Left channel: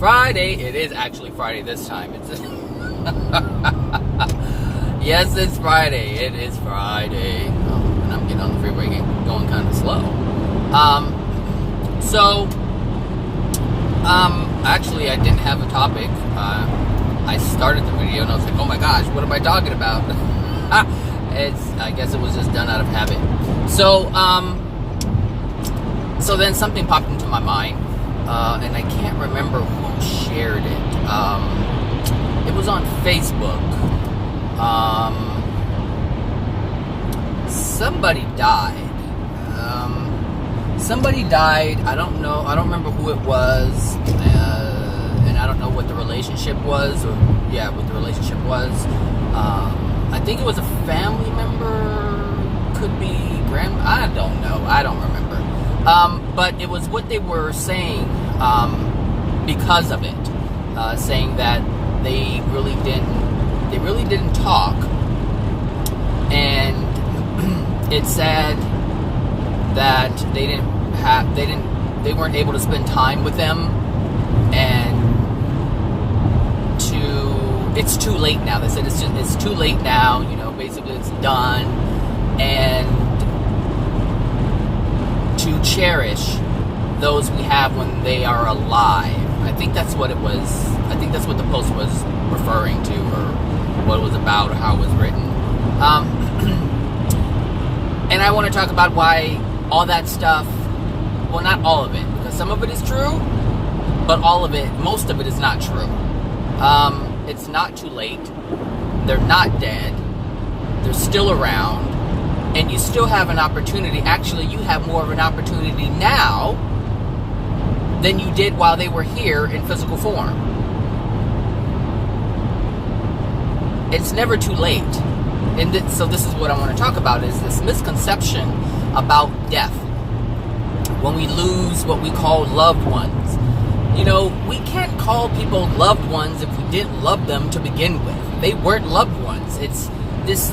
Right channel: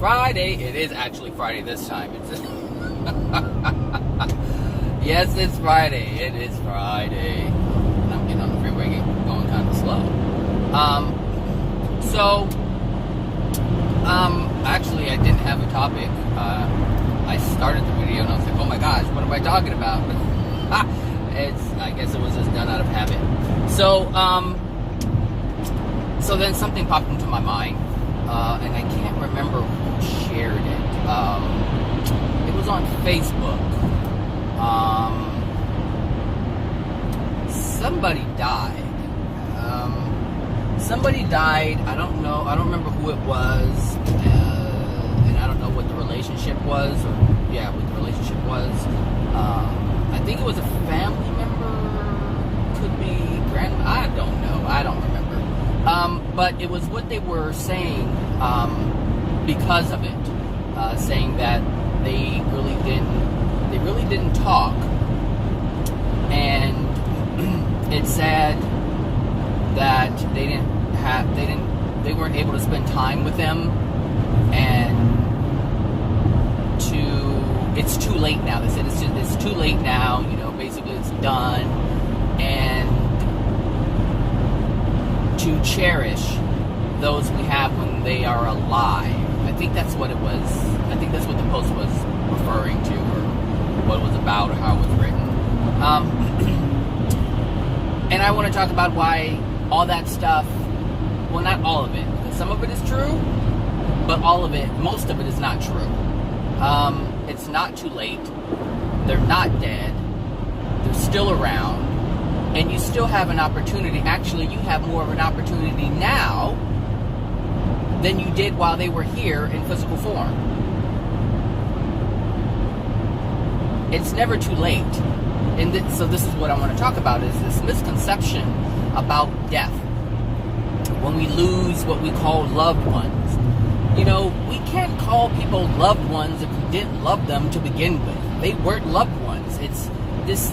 Friday. It is actually Friday this time. It's yes, it's Friday. It is Friday. And I'm getting on the freeway going kind of slow. Actually, I didn't have a topic. I started the video and I was like, oh my gosh, what am I talking about? I guess it was just done out of habit. So then something popped into my mind, and I can't remember who shared it. It was on Facebook. Somebody died. I don't know. I don't remember who it was, and I don't know what the relationship was, what the relationship was. I think it was a family member. Could be I don't know. I don't remember. But it was what they were saying because of it, saying that they really didn't talk, and it said that they weren't able to spend time with them, and it's too late now. They said it's too late now. Basically it's done, and to cherish those we have when they are alive. I think that's what it was. I think that's what the post was referring to, or what it was about, or how it was written. And I want to talk about why all that stuff, well, not all of it, because some of it is true, but most of it is not true. It's not too late. They're not dead. They're still around. And you still have an opportunity. Actually, you have more of an opportunity now than you did while they were here in physical form. It's never too late. So this is what I want to talk about, is this misconception about death. When we lose what we call loved ones. We can't call people loved ones if we didn't love them to begin with. They weren't loved ones. It's this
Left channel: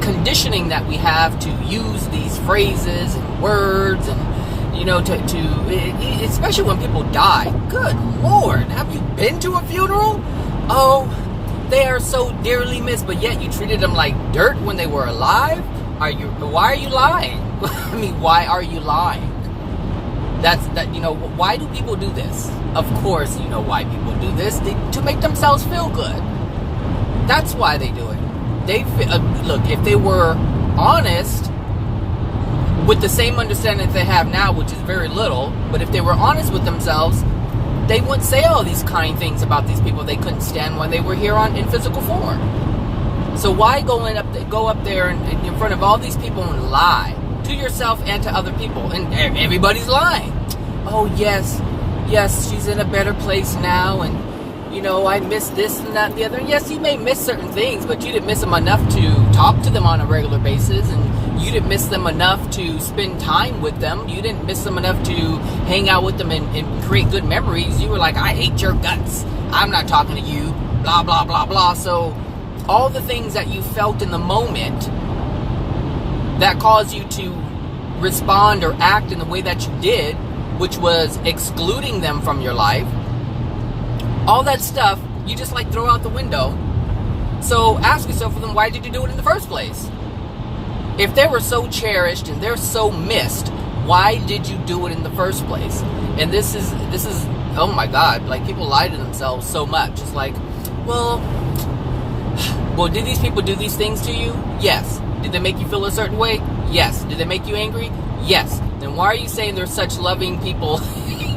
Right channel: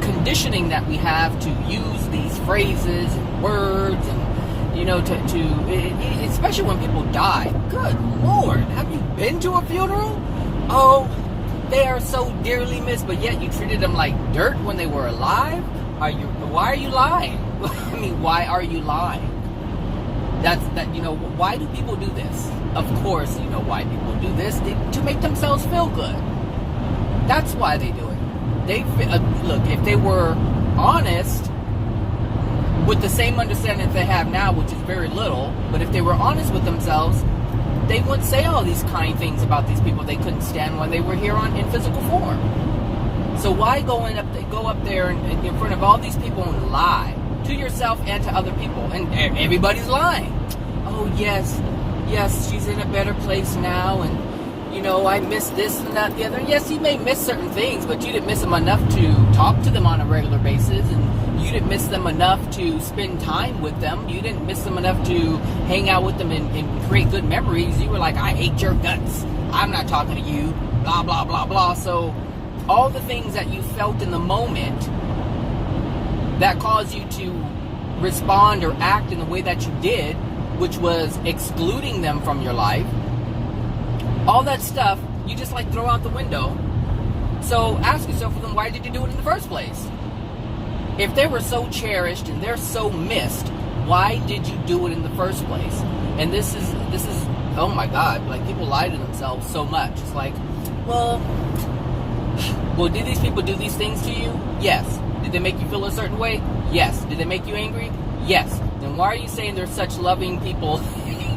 conditioning that we have to use these phrases and words, and especially when people die. Good Lord, have you been to a funeral? Oh, they are so dearly missed, but yet you treated them like dirt when they were alive? Why are you lying? I mean, why are you lying? Why do people do this? Of course, you know why people do this. To make themselves feel good. That's why they do it. Look, if they were honest with the same understanding that they have now, which is very little, but if they were honest with themselves, they wouldn't say all these kind things about these people they couldn't stand when they were here in physical form. So why go up there and in front of all these people and lie to yourself and to other people, and everybody's lying? Oh yes, she's in a better place now, and I miss this and that and the other. And yes, you may miss certain things, but you didn't miss them enough to talk to them on a regular basis, and you didn't miss them enough to spend time with them. You didn't miss them enough to hang out with them and create good memories. You were like, I hate your guts. I'm not talking to you. Blah, blah, blah, blah. So all the things that you felt in the moment that caused you to respond or act in the way that you did, which was excluding them from your life, all that stuff, you just throw out the window. So ask yourself, well, then why did you do it in the first place? If they were so cherished and they're so missed, why did you do it in the first place? And this is oh my God, people lie to themselves so much. It's well, did these people do these things to you? Yes. Did they make you feel a certain way? Yes. Did they make you angry? Yes. Then why are you saying they're such loving people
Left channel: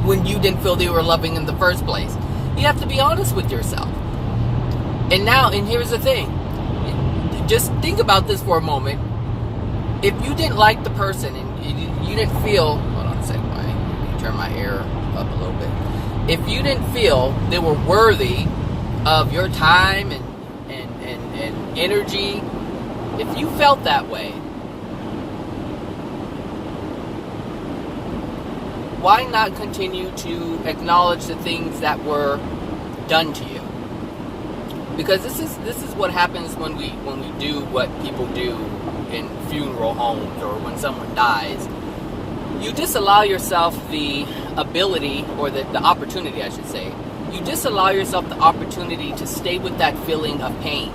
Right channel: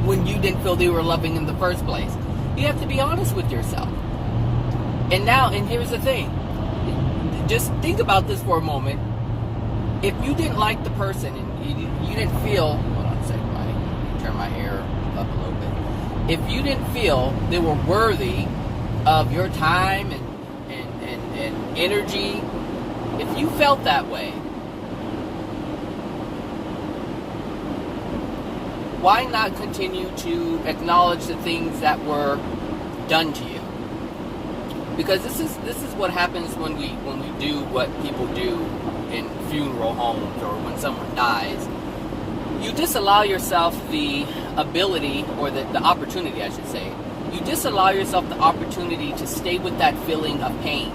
when you didn't feel they were loving in the first place? You have to be honest with yourself. And here's the thing. Just think about this for a moment. If you didn't like the person and you didn't feel, hold on a second, I turn my hair up a little bit. If you didn't feel they were worthy of your time and energy, if you felt that way, why not continue to acknowledge the things that were done to you? Because this is what happens when we do what people do in funeral homes or when someone dies. You disallow yourself the ability, or the opportunity, I should say. you disallow yourself the opportunity to stay with that feeling of pain.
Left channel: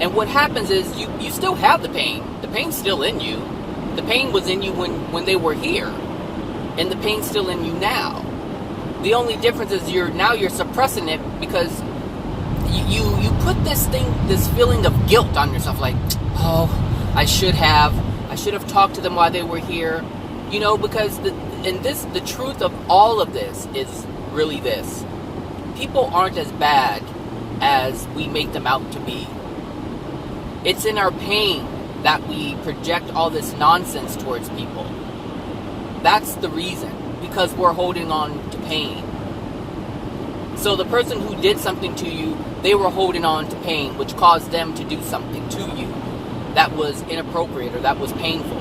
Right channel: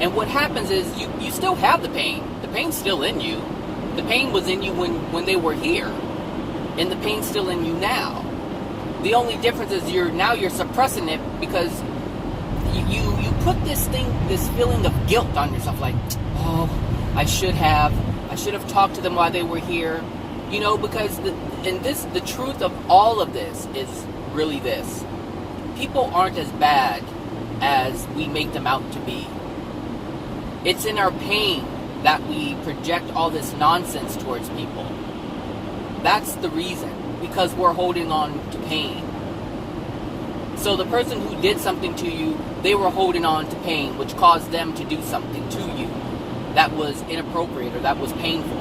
And what happens is you still have the pain. The pain's still in you. The pain was in you when they were here. And the pain's still in you now. The only difference is you're suppressing it because you put this feeling of guilt on yourself, like, oh, I should have talked to them while they were here, because the truth of all of this is really this: people aren't as bad as we make them out to be. It's in our pain that we project all this nonsense towards people. That's the reason, because we're holding on to pain. So the person who did something to you, they were holding on to pain, which caused them to do something to you that was inappropriate or that was painful.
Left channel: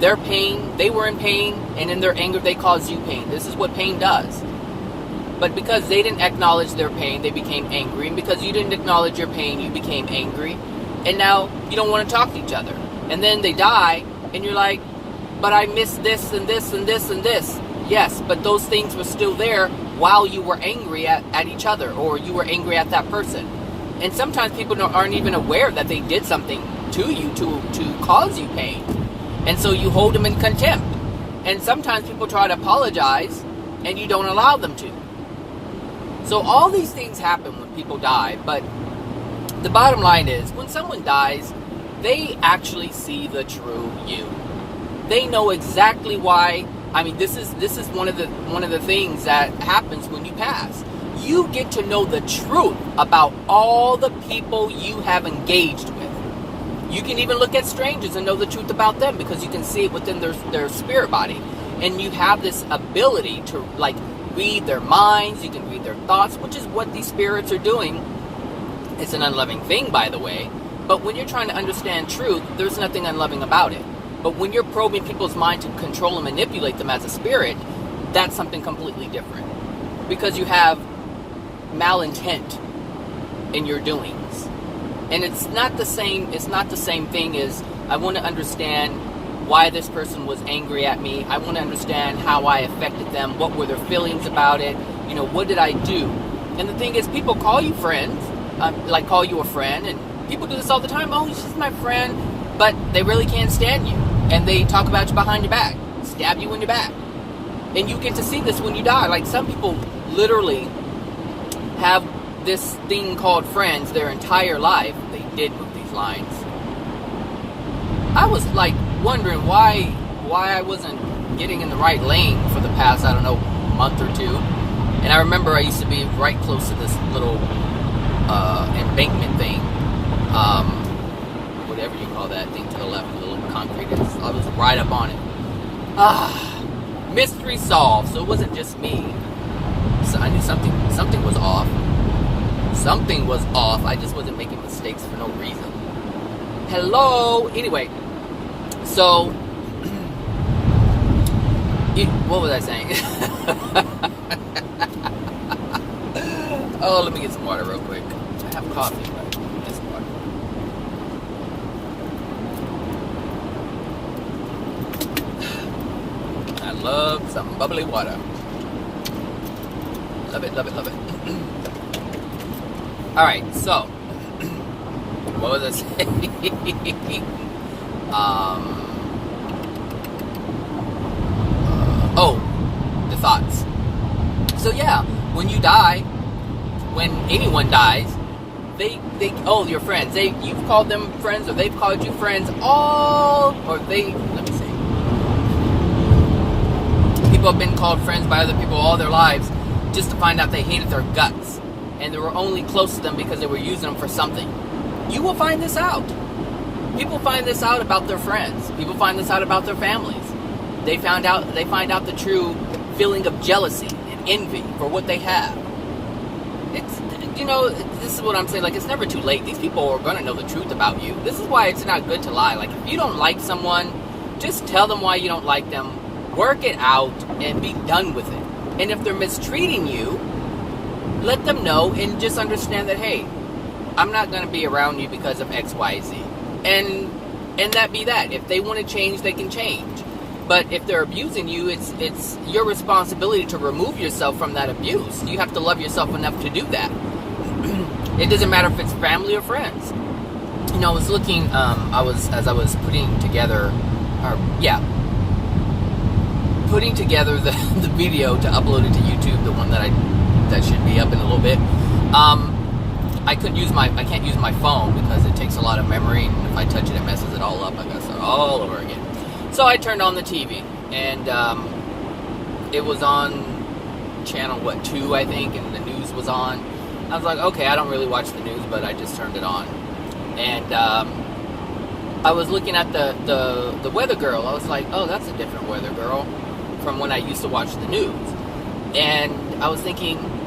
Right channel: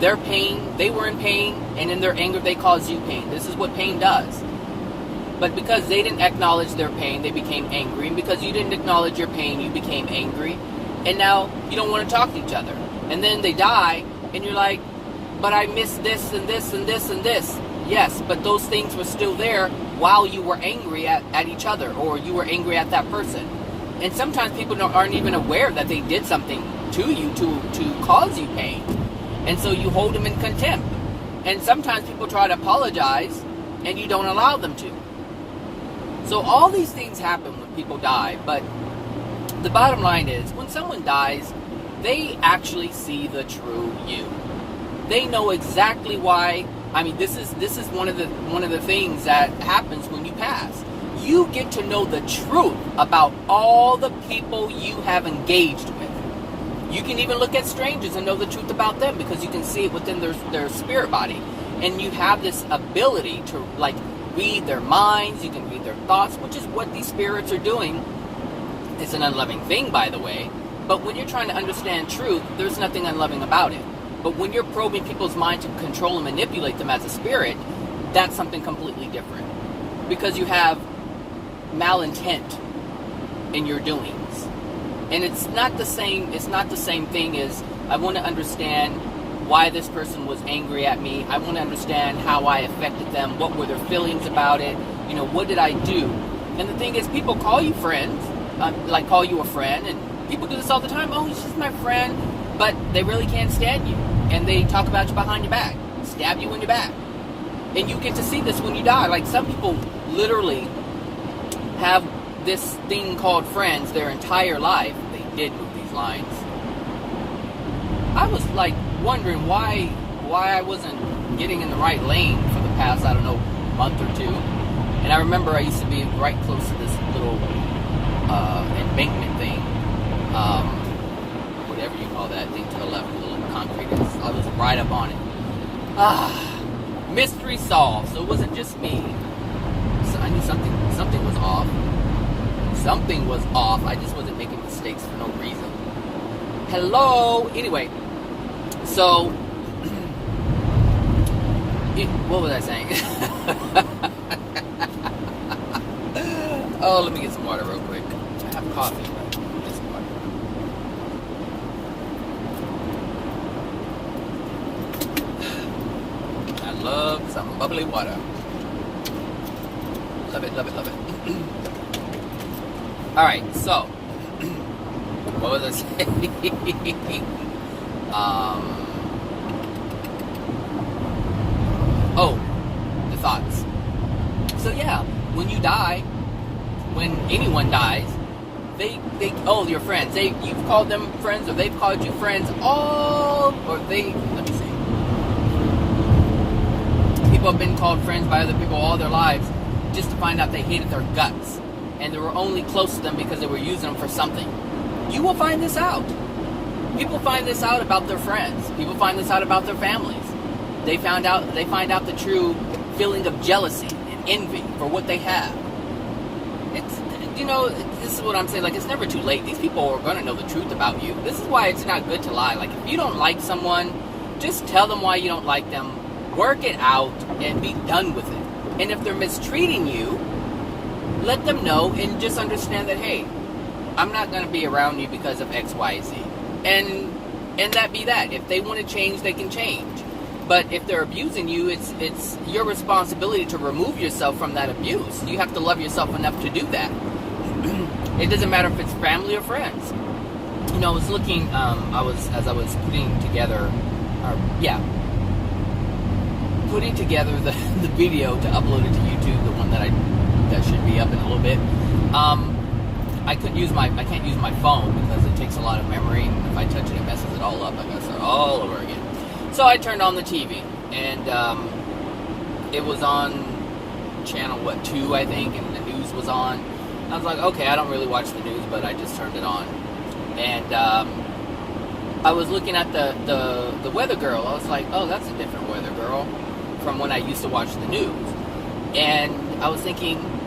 Their pain, they were in pain, and in their anger, they caused you pain. This is what pain does. But because they didn't acknowledge their pain, they became angry. And because you didn't acknowledge your pain, you became angry. And now you don't want to talk to each other. And then they die, and you're like, but I missed this and this and this and this. Yes, but those things were still there while you were angry at each other, or you were angry at that person. And sometimes people aren't even aware that they did something to you to cause you pain. And so you hold them in contempt. And sometimes people try to apologize, and you don't allow them to. So all these things happen when people die, but the bottom line is, when someone dies, they actually see the true you. They know exactly why. I mean, this is one of the things that happens when you pass. You get to know the truth about all the people you have engaged with. You can even look at strangers and know the truth about them, because you can see it within their spirit body. And you have this ability to, like, read their minds. You can read their thoughts, which is what these spirits are doing. It's an unloving thing, by the way. But when you're trying to understand truth, there's nothing unloving about it. But when you're probing people's mind to control and manipulate them as a spirit, that's something completely different. Because you have malintent in your doings. And it's not the same thing as, I want to understand why this person was angry at me. I want to understand how I affected them. What were their feelings about it? What did I do? And the thing is, people call you friends, call you a friend, and people do this all the time. Oh, she's just my friend. But they really can't stand you. And they talk about you behind your back, stab you in your back. And you get to see this when you die. Like, some people literally have this thing called friends their entire life. They did move these lines. I was like wondering why I wasn't getting in the right lane for the past, I don't know, month or two. And I remember I used to be right close to this little embankment thing. Whatever you call that thing to the left, the little concrete. I was right up on it. Mystery solved. So it wasn't just me. So I knew something was off. Something was off. I just wasn't making mistakes for no reason. Hello. Anyway, so what was I saying? Oh, let me get some water real quick. I have coffee. Get some water. I love some bubbly water. Love it, love it, love it. Alright, so what was I saying? The thoughts. So yeah, when you die, when anyone dies, your friends, you've called them friends, or they've called you friends, let me see. People have been called friends by other people all their lives, just to find out they hated their guts. And they were only close to them because they were using them for something. You will find this out. People find this out about their friends. People find this out about their families. They find out the true feeling of jealousy and envy for what they have. This is what I'm saying. Like, it's never too late. These people are going to know the truth about you. This is why it's not good to lie. Like, if you don't like someone, just tell them why you don't like them. Work it out and be done with it. And if they're mistreating you, let them know and just understand that, hey, I'm not going to be around you because of X, Y, Z. And that be that. If they want to change, they can change. But if they're abusing you, it's your responsibility to remove yourself from that abuse. You have to love yourself enough to do that. It doesn't matter if it's family or friends. You know, I was looking, as I was putting together, putting together the video to upload it to YouTube, the one that should be up in a little bit. I can't use my phone because it takes a lot of memory. If I touch it, it messes it all up. I gotta start all over again. So I turned on the TV, and it was on channel 2, I think, and the news was on. I was like, okay, I don't really watch the news, but I just turned it on, and I was looking at the weather girl. I was like, oh, that's a different weather girl from when I used to watch the news, and I was thinking,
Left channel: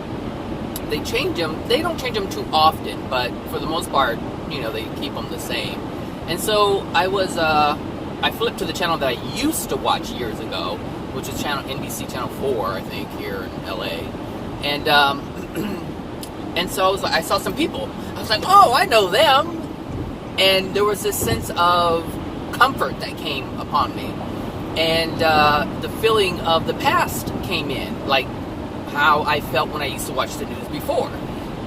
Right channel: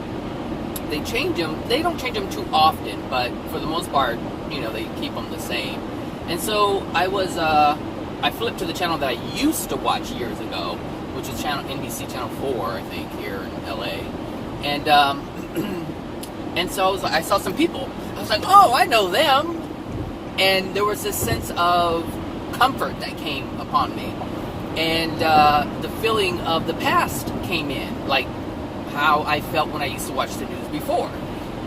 they change them. They don't change them too often, but for the most part, you know, they keep them the same. And so I flipped to the channel that I used to watch years ago, which is NBC Channel 4, I think, here in LA. And and so I saw some people. I was like, oh, I know them. And there was this sense of comfort that came upon me. And the feeling of the past came in, like how I felt when I used to watch the news before.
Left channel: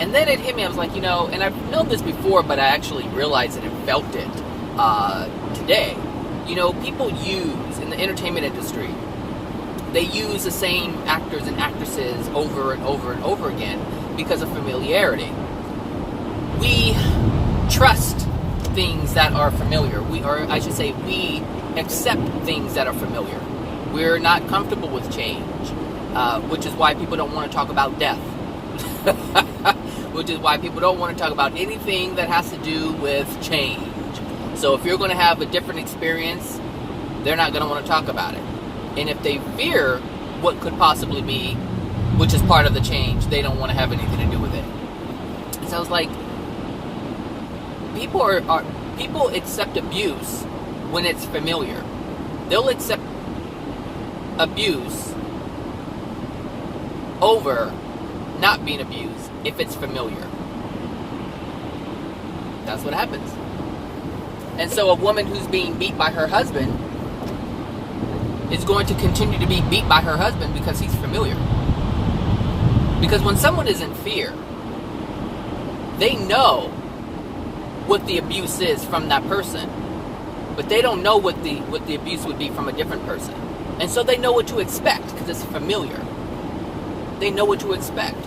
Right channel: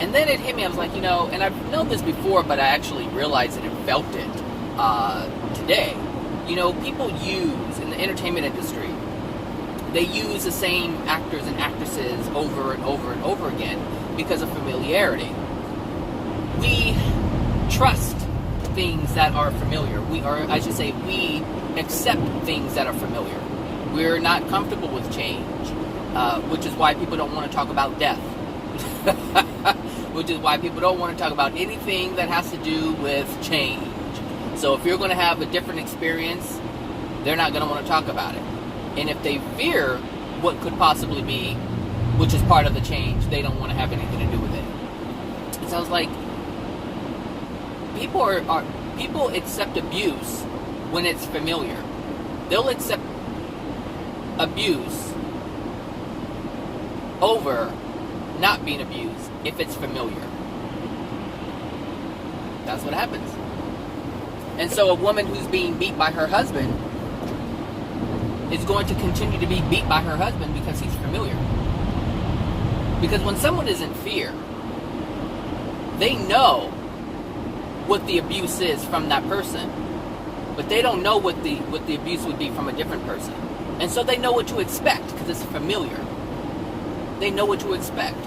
And then it hit me. I was like, you know, and I've known this before, but I actually realized it and felt it today. You know, people use, in the entertainment industry, they use the same actors and actresses over and over and over again because of familiarity. We trust things that are familiar. We accept things that are familiar. We're not comfortable with change, which is why people don't want to talk about death. Which is why people don't want to talk about anything that has to do with change. So if you're going to have a different experience, they're not going to want to talk about it. And if they fear what could possibly be, which is part of the change, they don't want to have anything to do with it. So I was like, people accept abuse when it's familiar. They'll accept abuse over not being abused if it's familiar. That's what happens. And so a woman who's being beat by her husband is going to continue to be beat by her husband because he's familiar. Because when someone is in fear, they know what the abuse is from that person, but they don't know what the abuse would be from a different person. And so they know what to expect because it's familiar. They know what to expect.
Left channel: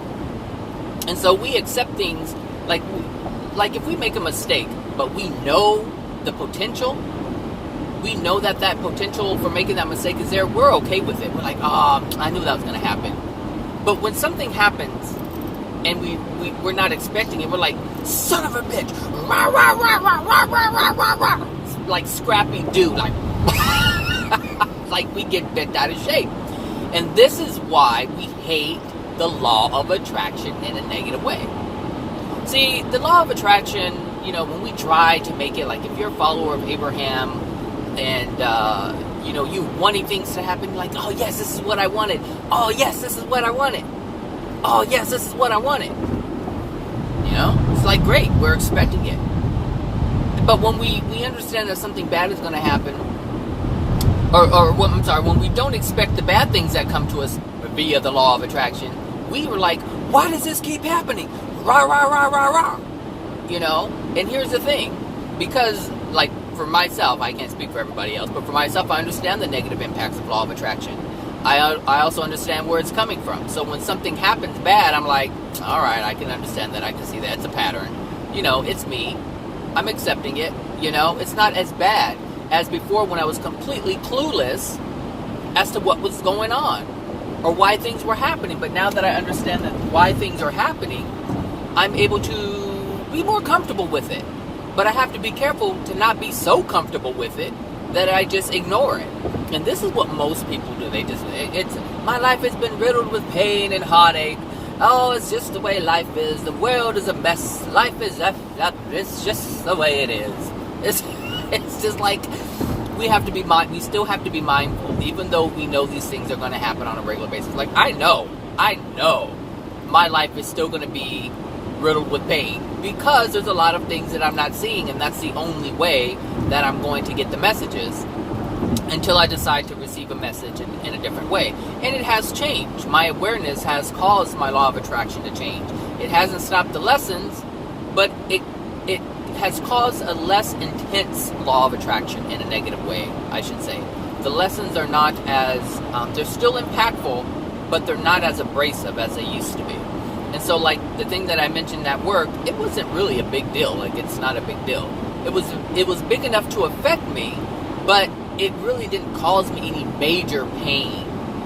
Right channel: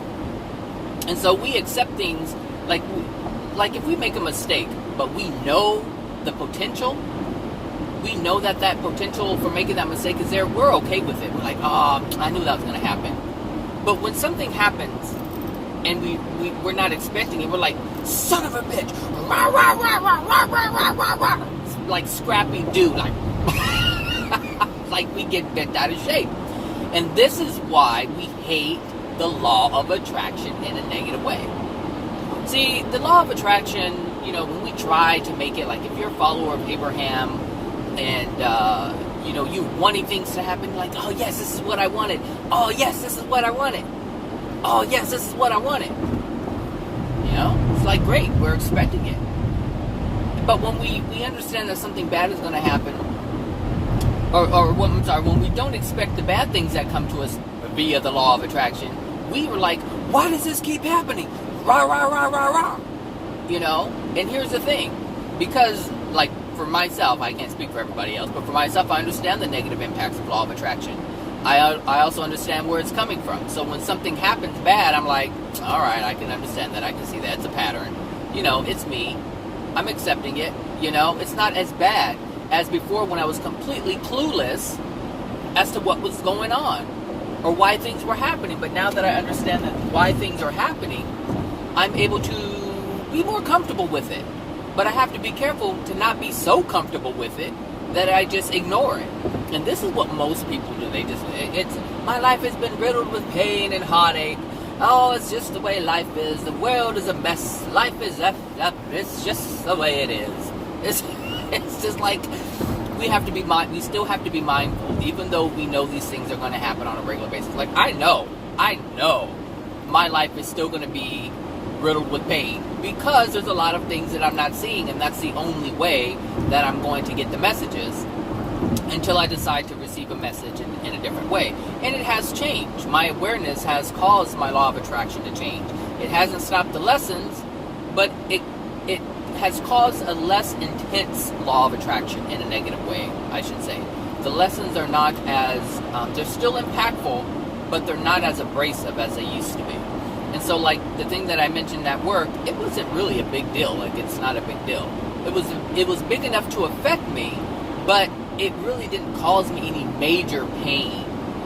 And so we accept things like if we make a mistake, but we know the potential, we know that potential for making that mistake is there, we're okay with it. We're like, oh, I knew that was going to happen. But when something happens and we're not expecting it, we're like, son of a bitch, rah, rah, rah, rah, rah, rah, rah, rah, rah. It's like Scrappy Doo, like, like we get bent out of shape. And this is why we hate the law of attraction in a negative way. See, the law of attraction, you know, when we try to make it, like if you're a follower of Abraham and, you know, you wanting things to happen, like, oh yes, this is what I wanted. Oh yes, this is what I wanted. Oh yes, this is what I wanted. You know, it's like, great, we're expecting it. But when we understand that something bad is going to happen, when we don't expect the bad things that come to us via the law of attraction, we were like, why does this keep happening? Rah, rah, rah, rah, rah. You know? And here's the thing. Because, like, for myself, I can't speak for everybody else, but for myself, I understand the negative impacts of law of attraction. I also understand where it's coming from. So when something happens bad, I'm like, all right, I can understand that. I can see that. It's a pattern. You know, it's me. I'm accepting it. You know? It's not as bad as before when I was completely clueless as to what was going on or why things were happening. But now that I understand that why things are happening, I'm able to be more comfortable with it. But I have to be careful to not be so comfortable with it that I just ignore it. And this is what most people do. They just, my life has been riddled with pain and heartache. Oh, it's just the way life is. The world is a mess. Life is it's just the way it is. It's just like we still have to be mindful, even though we know these things are going to happen on a regular basis. Like, I know my life is still going to be riddled with pain because there's a lot of things that I'm not seeing, and that's the only way that I'm going to get the messages until I decide to receive a message in a different way. And it has changed. My awareness has caused my law of attraction to change. It hasn't stopped the lessons, but it has caused a less intense law of attraction in a negative way, I should say. The lessons are not as, they're still impactful, but they're not as abrasive as they used to be. And so, like, the thing that I mentioned at work, it wasn't really a big deal. Like, it's not a big deal. It was big enough to affect me, but it really didn't cause me any major pain,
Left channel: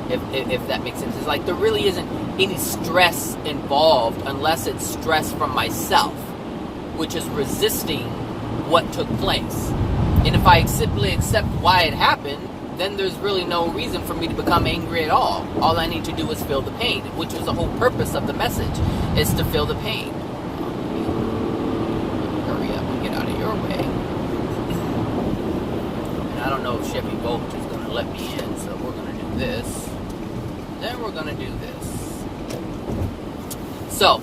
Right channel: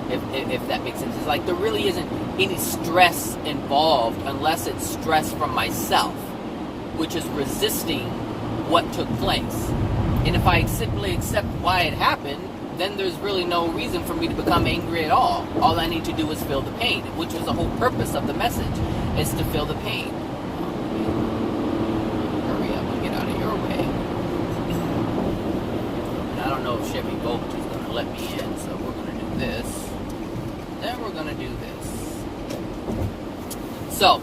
if that makes sense. It's like there really isn't any stress involved unless it's stress from myself, which is resisting what took place. And if I simply accept why it happened, then there's really no reason for me to become angry at all. All I need to do is feel the pain, which is the whole purpose of the message, is to feel the pain. Hurry up and get out of your way. And I don't know if Chevy Bolt is going to let me in, so we're going to do this. Then we're going to do this. So,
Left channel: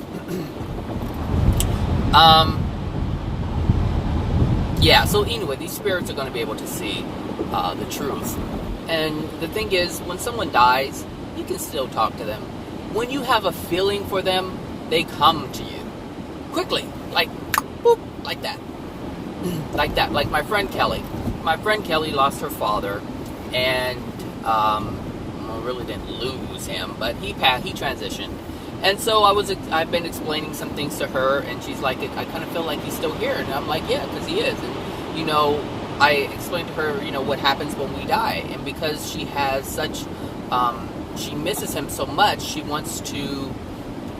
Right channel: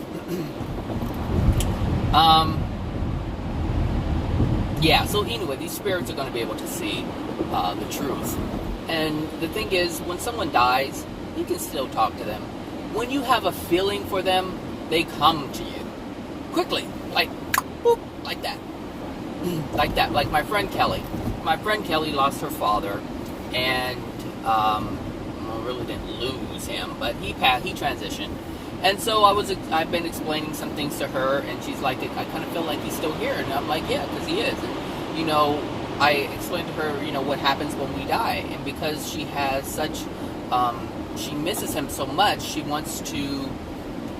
yeah, so anyway, these spirits are going to be able to see the truth. And the thing is, when someone dies, you can still talk to them. When you have a feeling for them, they come to you quickly, like boop, like that. Like that. Like my friend Kelly. My friend Kelly lost her father, and really didn't lose him, but he transitioned. And so I've been explaining some things to her, and she's like, I kind of feel like he's still here. And I'm like, yeah, because he is. And, you know, I explained to her, you know, what happens when we die. And because she has such, she misses him so much, she wants to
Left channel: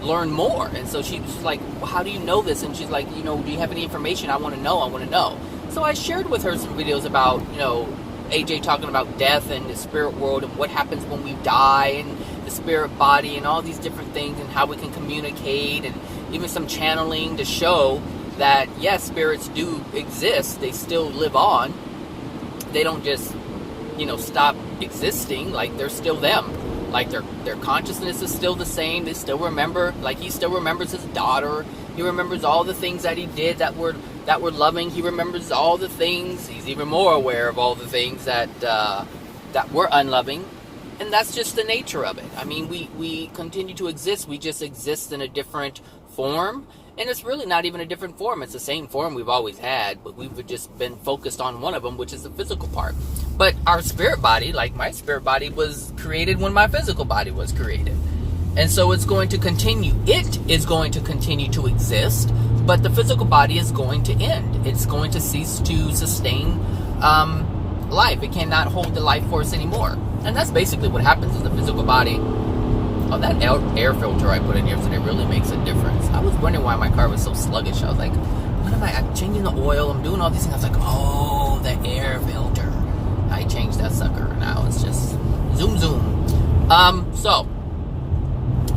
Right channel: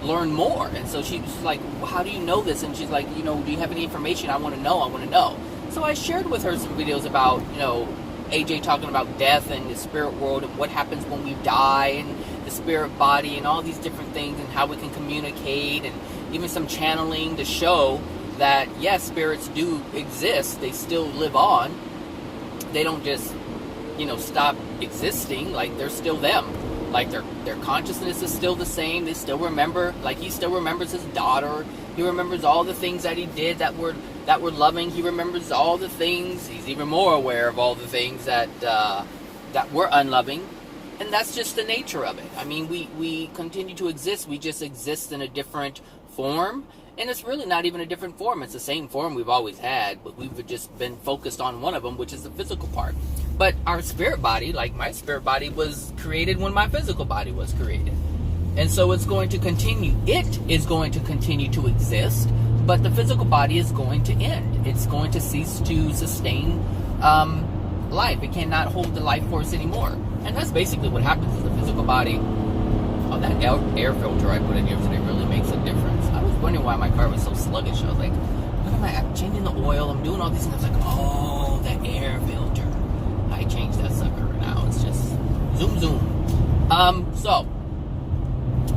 learn more. And so she's like, well, how do you know this? And she's like, you know, do you have any information? I want to know. So I shared with her some videos about, you know, AJ talking about death and the spirit world and what happens when we die and the spirit body and all these different things and how we can communicate, and even some channeling to show that, yes, spirits do exist. They still live on. They don't just, you know, stop existing. Like, they're still them. Like, their consciousness is still the same. They still remember. Like, he still remembers his daughter. He remembers all the things that he did that were loving. He remembers all the things. He's even more aware of all the things that were unloving. And that's just the nature of it. I mean, we continue to exist. We just exist in a different form. And it's really not even a different form. It's the same form we've always had, but we've just been focused on one of them, which is the physical part. But our spirit body, like my spirit body, was created when my physical body was created. And so it's going to continue. It is going to continue to exist, but the physical body is going to end. It's going to cease to sustain life. It cannot hold the life force anymore. And that's basically what happens is the physical body. Oh, that air filter I put in here today really makes a difference. I was wondering why my car was so sluggish. I was like, what am I'm changing the oil, I'm doing all these things. I was like, oh, the air filter. I changed that sucker. Now it's just zoom, zoom. So,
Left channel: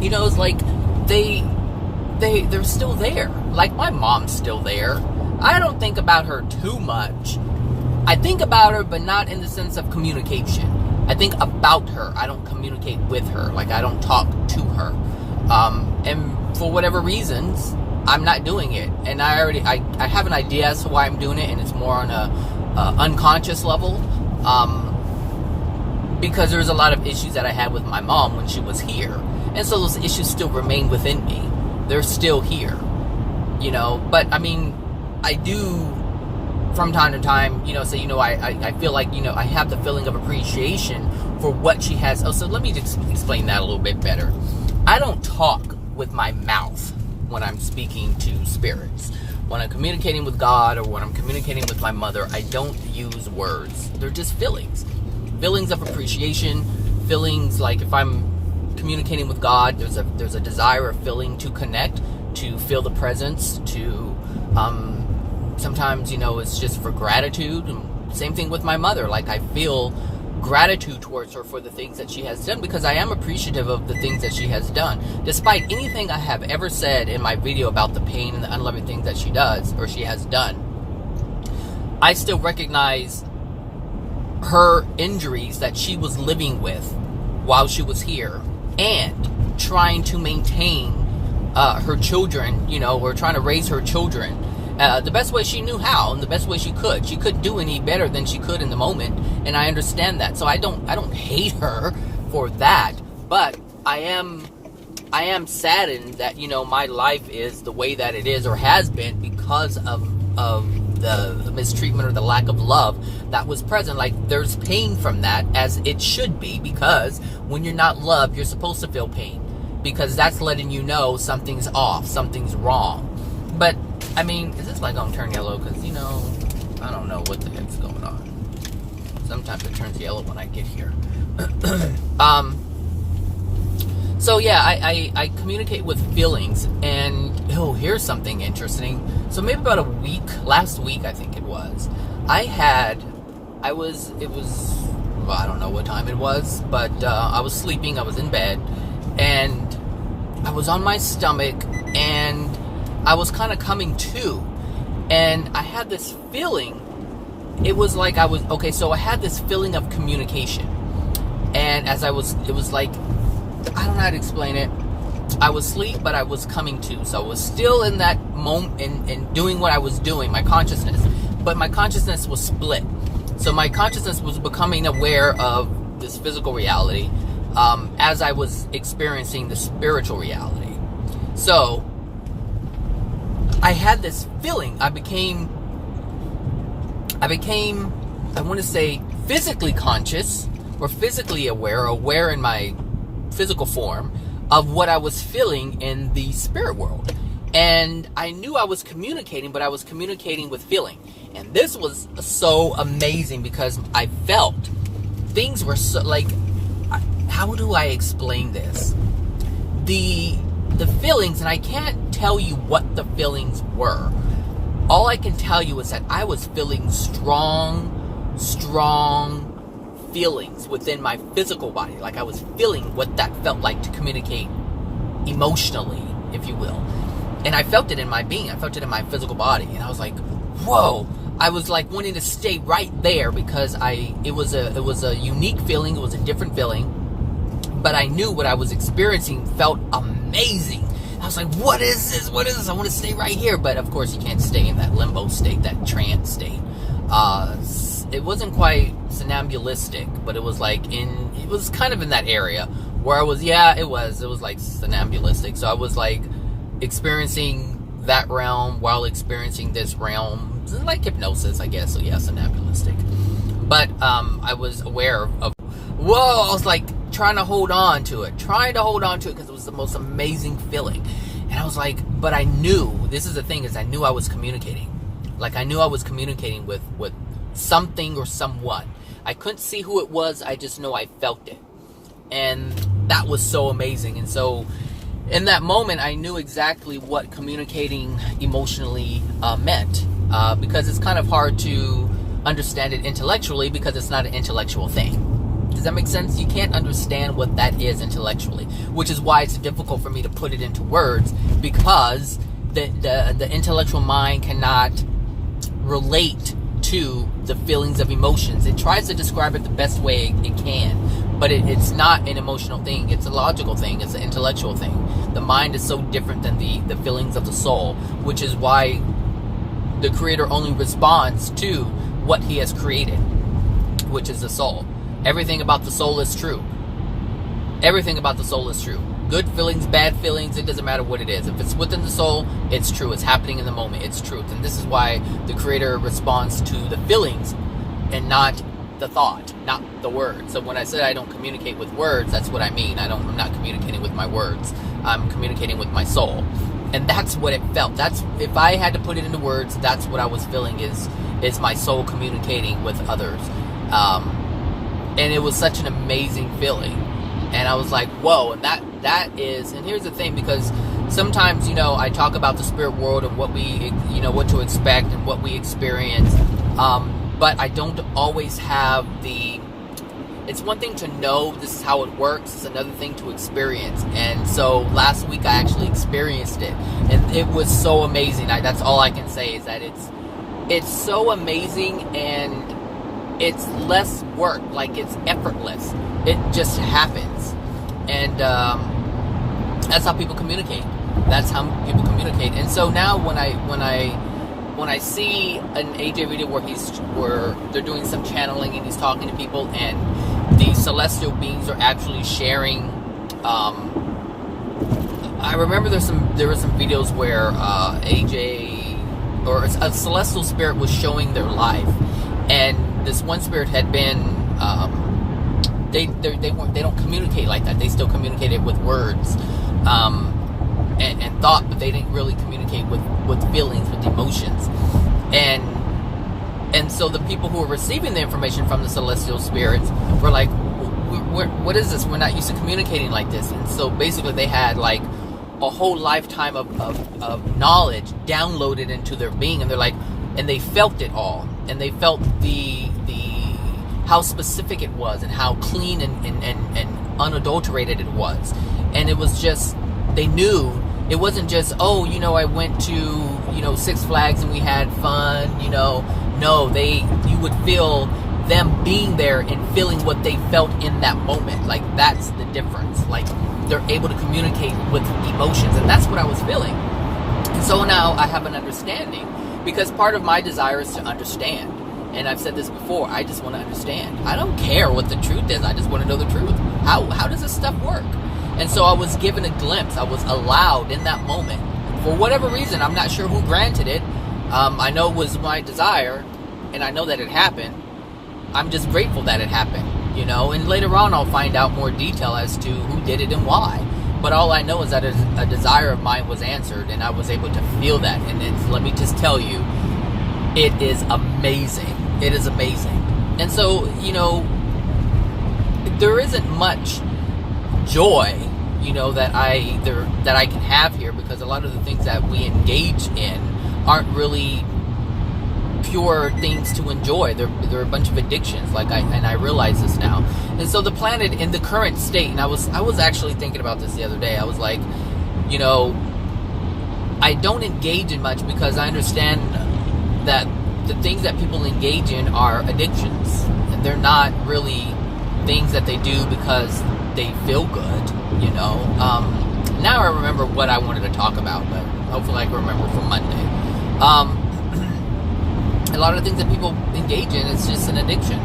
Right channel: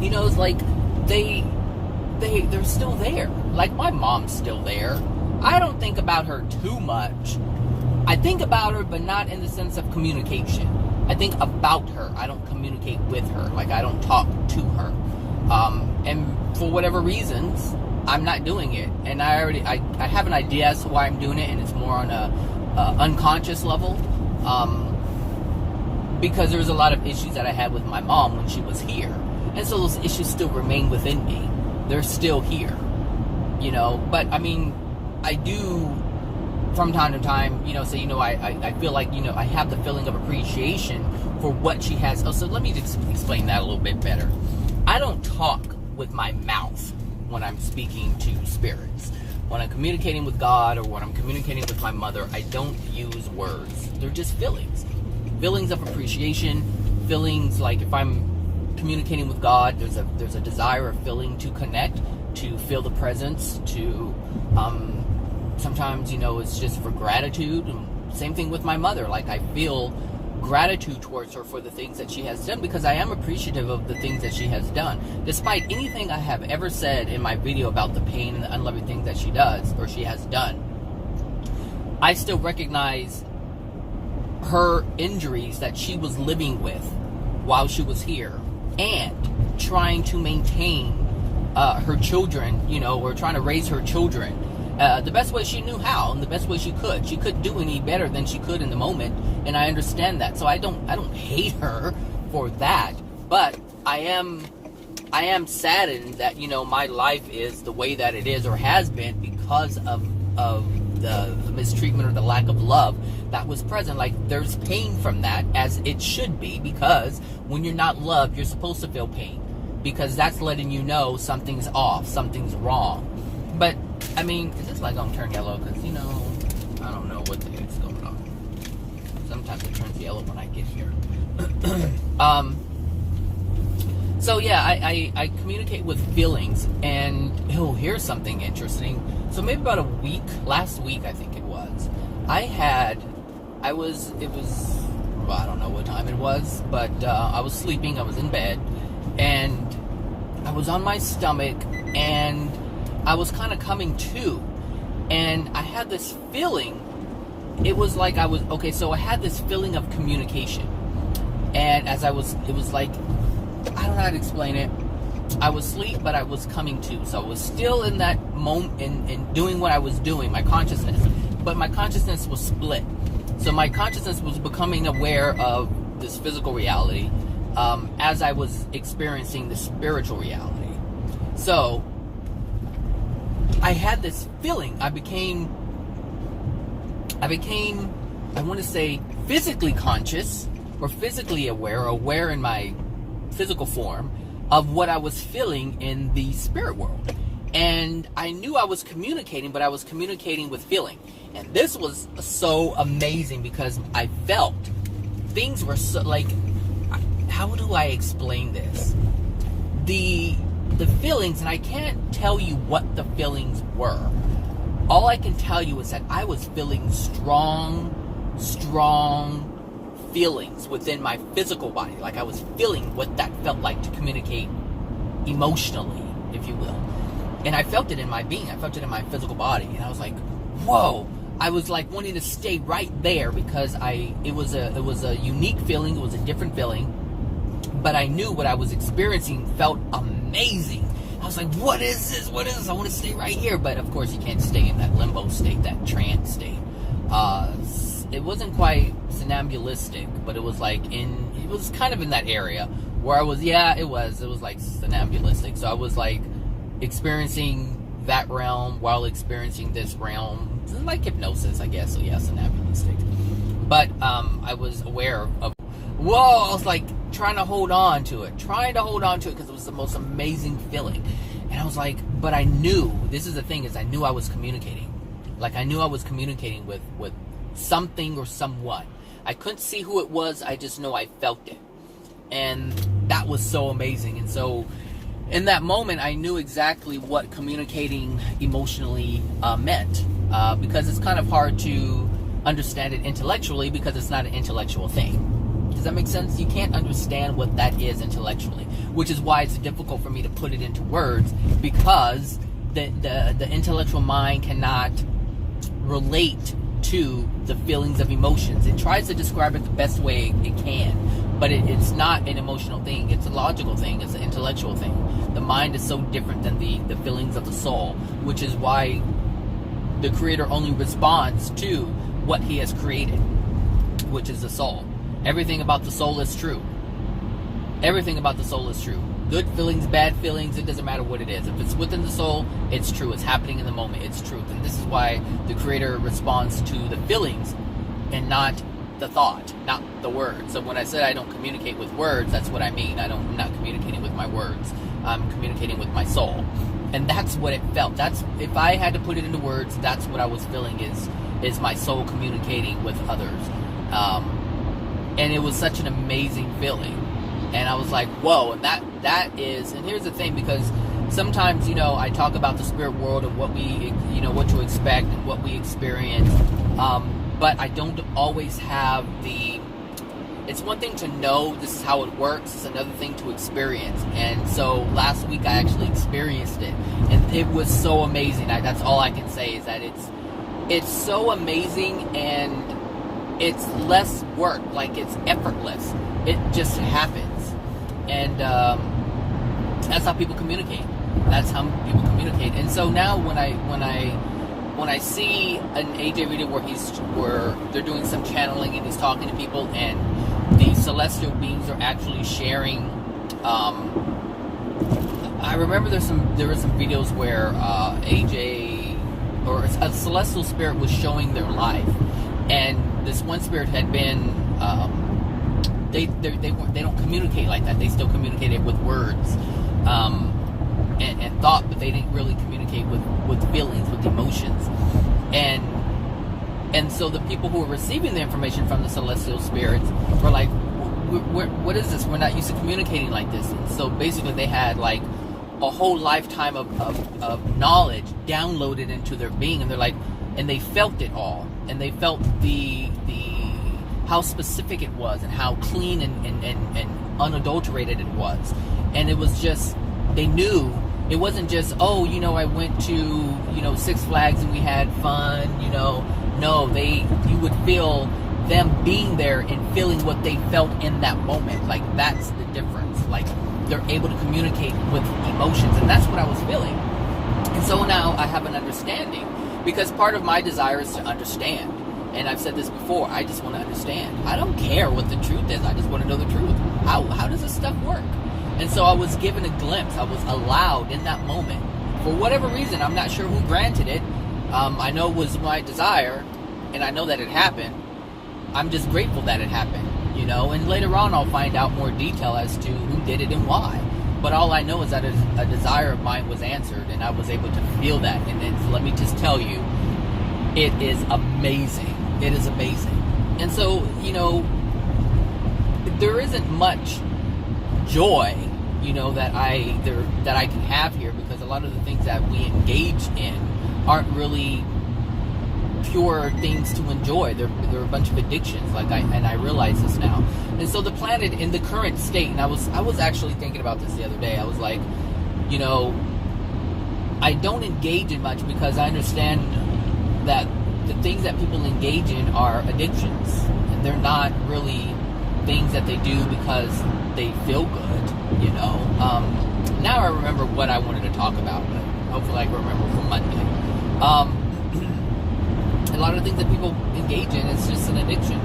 you know, it's like they're still there. Like, my mom's still there. I don't think about her too much. I think about her, but not in the sense of communication. I think about her. I don't communicate with her. Like, I don't talk to her. And for whatever reasons, I'm not doing it. And I have an idea as to why I'm doing it, and it's more on a unconscious level. Because there's a lot of issues that I had with my mom when she was here. And so those issues still remain within me. They're still here. You know, but I mean, I do from time to time, you know, say, you know, I feel like, you know, I have the feeling of appreciation for what she has. Oh, so let me just explain that a little bit better. I don't talk with my mouth when I'm speaking to spirits. When I'm communicating with God or when I'm communicating with my mother, I don't use words. They're just feelings. Feelings of appreciation, feelings like if I'm communicating with God, there's a desire or feeling to connect, to feel the presence, to sometimes, you know, it's just for gratitude. Same thing with my mother. Like, I feel gratitude towards her for the things that she has done, because I am appreciative of the things that she has done. Despite anything I have ever said in my video about the pain and the unloving things that she does or she has done, I still recognize her injuries that she was living with while she was here and trying to maintain her children, you know, or trying to raise her children. The best way she knew how, and the best way she could. She couldn't do any better than she could in the moment, and I understand that. So I don't hate her for that, but I am saddened that, you know, my life is the way that it is, or has been, because of the mistreatment or the lack of love that was present. Like, there's pain from that, as it should be, because when you're not loved, you're supposed to feel pain, because that's letting you know something's off, something's wrong. But I mean, is this light gonna turn yellow? Because, you know, I don't know what the heck's going on. Sometimes it turns yellow when I get here. So yeah, I communicate with feelings, and here's something interesting. So maybe about last week I think it was, it was, well, I don't know what time it was, but I was sleeping, I was in bed, and I was on my stomach, and I was kind of coming to, and I had this feeling. It was like I had this feeling of communication, and it was like, I don't know how to explain it. I was asleep, but I was coming to. So I was still in that moment and doing what I was doing, my consciousness. But my consciousness was split. So my consciousness was becoming aware of this physical reality as I was experiencing the spiritual reality. So I had this feeling. I became, I want to say, physically conscious, or physically aware in my physical form of what I was feeling in the spirit world. And I knew I was communicating, but I was communicating with feeling. And this was so amazing, because I felt things were so, like, how do I explain this? The feelings, and I can't tell you what the feelings were. All I can tell you is that I was feeling strong feelings within my physical body. Like, I was feeling what that felt like to communicate emotionally, if you will. And I felt it in my being. I felt it in my physical body. And I was like, whoa. I was like wanting to stay right there, because it was a unique feeling. It was a different feeling. But I knew what I was experiencing felt amazing. I was like, what is this? What is this? I want to stay right here. But of course you can't stay in that limbo state, that trance state. It wasn't quite somnambulistic, but it was kind of in that area where I was, it was like somnambulistic. So I was like experiencing that realm while experiencing this realm, like hypnosis, I guess. So yeah, somnambulistic. But I was aware of, whoa, I was like trying to hold on to it because it was the most amazing feeling. And I was like, but I knew, this is the thing, is I knew I was communicating. Like, I knew I was communicating with something or someone. I couldn't see who it was, I just know I felt it. And that was so amazing. And so in that moment, I knew exactly what communicating emotionally meant, because it's kind of hard to understand it intellectually, because it's not an intellectual thing. Does that make sense? You can't understand what that is intellectually, which is why it's difficult for me to put it into words, because the intellectual mind cannot relate to the feelings of emotions. It tries to describe it the best way it can, but it's not an emotional thing. It's a logical thing. It's an intellectual thing. The mind is so different than the feelings of the soul, which is why the creator only responds to what he has created, which is the soul. Everything about the soul is true. Everything about the soul is true. Good feelings, bad feelings, it doesn't matter what it is. If it's within the soul, it's true. It's happening in the moment. It's truth. And this is why the creator responds to the feelings and not the thought, not the words. So when I said I don't communicate with words, that's what I mean. I'm not communicating with my words. I'm communicating with my soul. And that's what it felt. That's, if I had to put it into words, that's what I was feeling, is my soul communicating with others. And it was such an amazing feeling. And I was like, whoa, and that is, and here's the thing, because sometimes, I talk about the spirit world and what we, what to expect and what we experience, but I don't always have it's one thing to know this is how it works, it's another thing to experience. And so last week I actually experienced it, and it was so amazing. That's all I can say, is that it's so amazing, and it's less work, like it's effortless. It just happens. And that's how people communicate. That's how people communicate. And so now when I when I see an AJ video where they're doing some channeling and he's talking to people, and the celestial beings are actually sharing. I remember there were some videos where AJ or a celestial spirit was showing their life, and this one spirit had been. They don't communicate like that. They still communicated with words and thought, but they didn't really communicate with feelings, with emotions. And so the people who were receiving the information from the celestial spirits were like, what is this? We're not used to communicating like this. And so basically they had like a whole lifetime of knowledge downloaded into their being, and they're like, and they felt it all, and they felt the how specific it was, and how clean and unadulterated it was. And it was just, they knew it wasn't just, oh, I went to, Six Flags and we had fun, no, you would feel them being there and feeling what they felt in that moment. Like, that's the difference. Like, they're able to communicate with emotions, and that's what I was feeling. And so now I have an understanding, because part of my desire is to understand. And I've said this before, I just want to understand. I don't care what the truth is, I just want to know the truth. How does this stuff work? And so I was given a glimpse, I was allowed in that moment. For whatever reason, I'm not sure who granted it. I know it was my desire, and I know that it happened. I'm just grateful that it happened, and later on I'll find out more detail as to who did it and why. But all I know is that a desire of mine was answered, and I was able to feel that. And let me just tell you, it is amazing. It is amazing. And so, there isn't much joy, that I can have here, because a lot of the things that we engage in aren't really pure things to enjoy. They're a bunch of addictions, and I realize this now. And so the planet in the current state, and I was actually thinking about this the other day. I was like, I don't engage in much because I understand that the things that people engage in are addictions. And they're not really things that they do because they feel good, Now I remember what I wanted to talk about, but hopefully I can remember for Monday. A lot of the things that people engage in, it's just an addiction,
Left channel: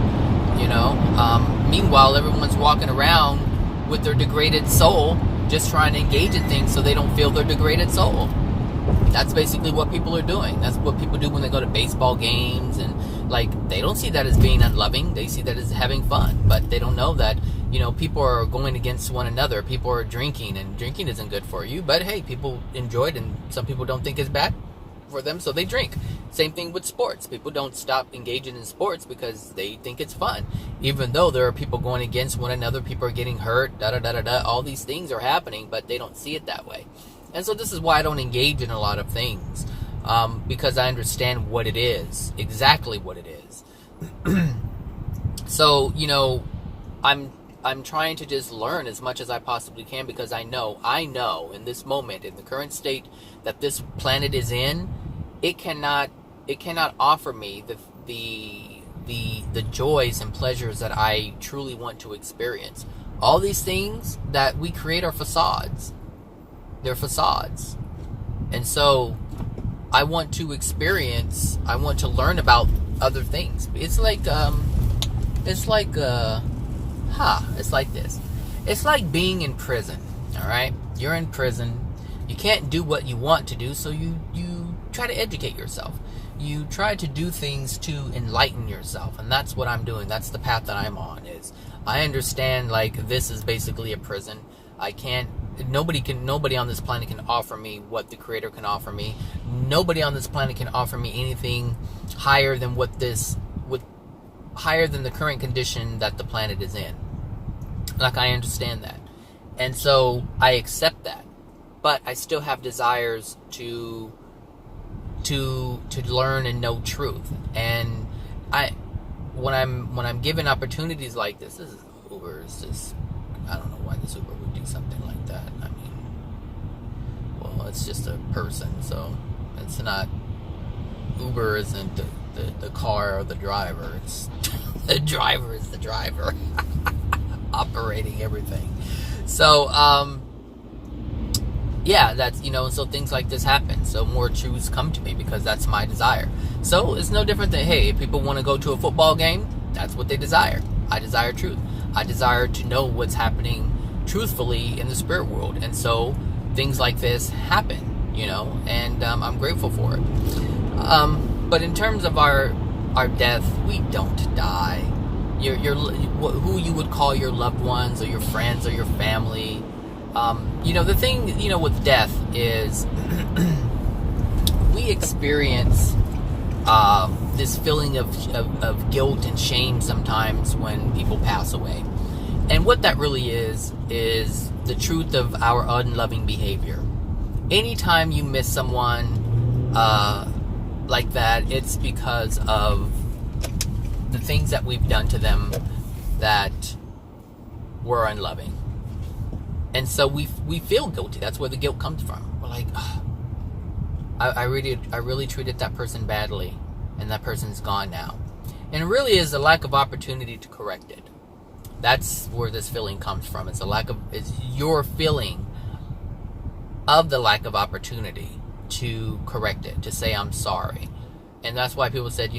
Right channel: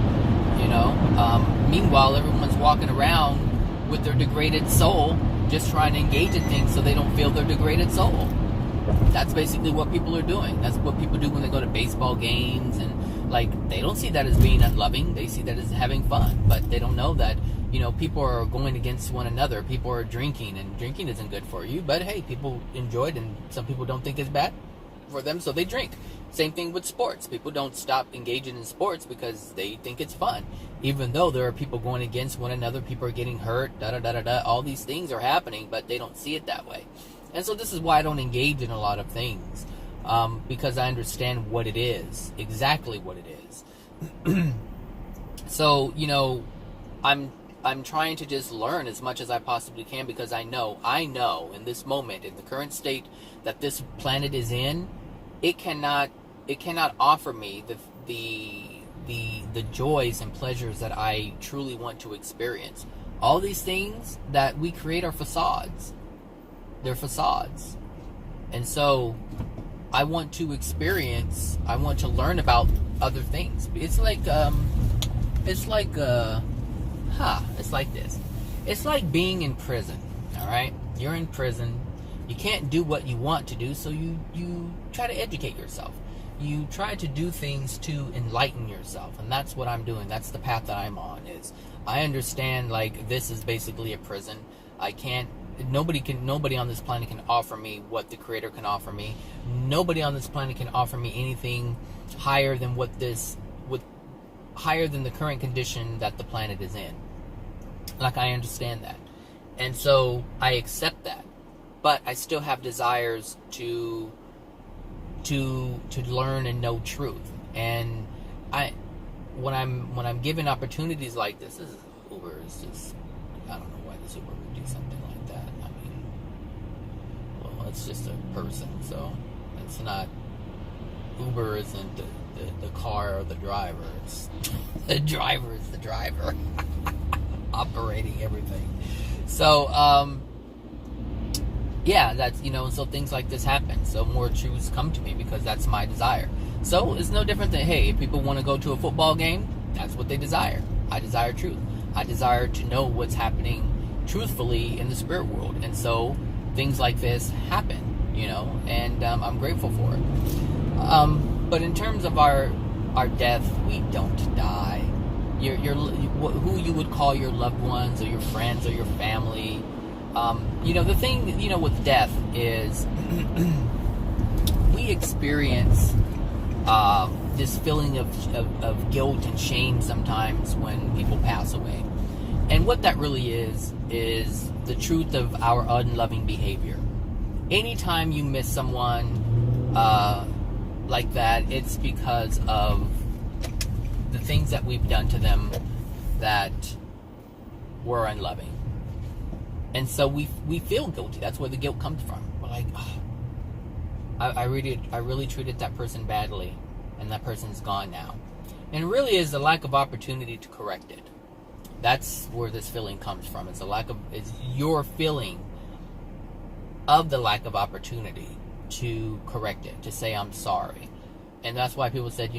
Meanwhile, everyone's walking around with their degraded soul, just trying to engage in things so they don't feel their degraded soul. That's basically what people are doing. That's what people do when they go to baseball games, and they don't see that as being unloving. They see that as having fun, but they don't know that, people are going against one another. People are drinking, and drinking isn't good for you, but hey, people enjoy it, and some people don't think it's bad for them, so they drink. Same thing with sports. People don't stop engaging in sports because they think it's fun, even though there are people going against one another. People are getting hurt, all these things are happening, but they don't see it that way. And so this is why I don't engage in a lot of things, because I understand what it is, exactly what it is. So, I'm trying to just learn as much as I possibly can, because I know in this moment, in the current state that this planet is in, it cannot offer me the joys and pleasures that I truly want to experience. All these things that we create are facades. They're facades. And so I want to experience, I want to learn about other things. It's like this. It's like being in prison, all right? You're in prison. You can't do what you want to do, so you try to educate yourself. You try to do things to enlighten yourself, and that's what I'm doing. That's the path that I'm on. Is I understand, this is basically a prison. Nobody on this planet can offer me what the Creator can offer me. Nobody on this planet can offer me anything higher than higher than the current condition that the planet is in. I understand that. And so I accept that. But I still have desires to learn and know truth. And when I'm given opportunities like this is Uber is just, I don't know why this Uber would do something like that. It's just a person, so it's not, Uber isn't the car or the driver. It's the driver is the driver operating everything. So yeah, that's, so things like this happen. So more truths come to me because that's my desire. So it's no different than, hey, if people want to go to a football game, that's what they desire. I desire truth. I desire to know what's happening truthfully in the spirit world. And so things like this happen, and I'm grateful for it. But in terms of our death, we don't die. Who you would call your loved ones or your friends or your family. The thing, with death is we experience this feeling of guilt and shame sometimes when people pass away. And what that really is the truth of our unloving behavior. Anytime you miss someone like that, it's because of the things that we've done to them that were unloving. And so we feel guilty. That's where the guilt comes from. We're like, oh, I really treated that person badly, and that person's gone now. And it really is the lack of opportunity to correct it. That's where this feeling comes from. It's your feeling of the lack of opportunity to correct it, to say I'm sorry. And that's why people said,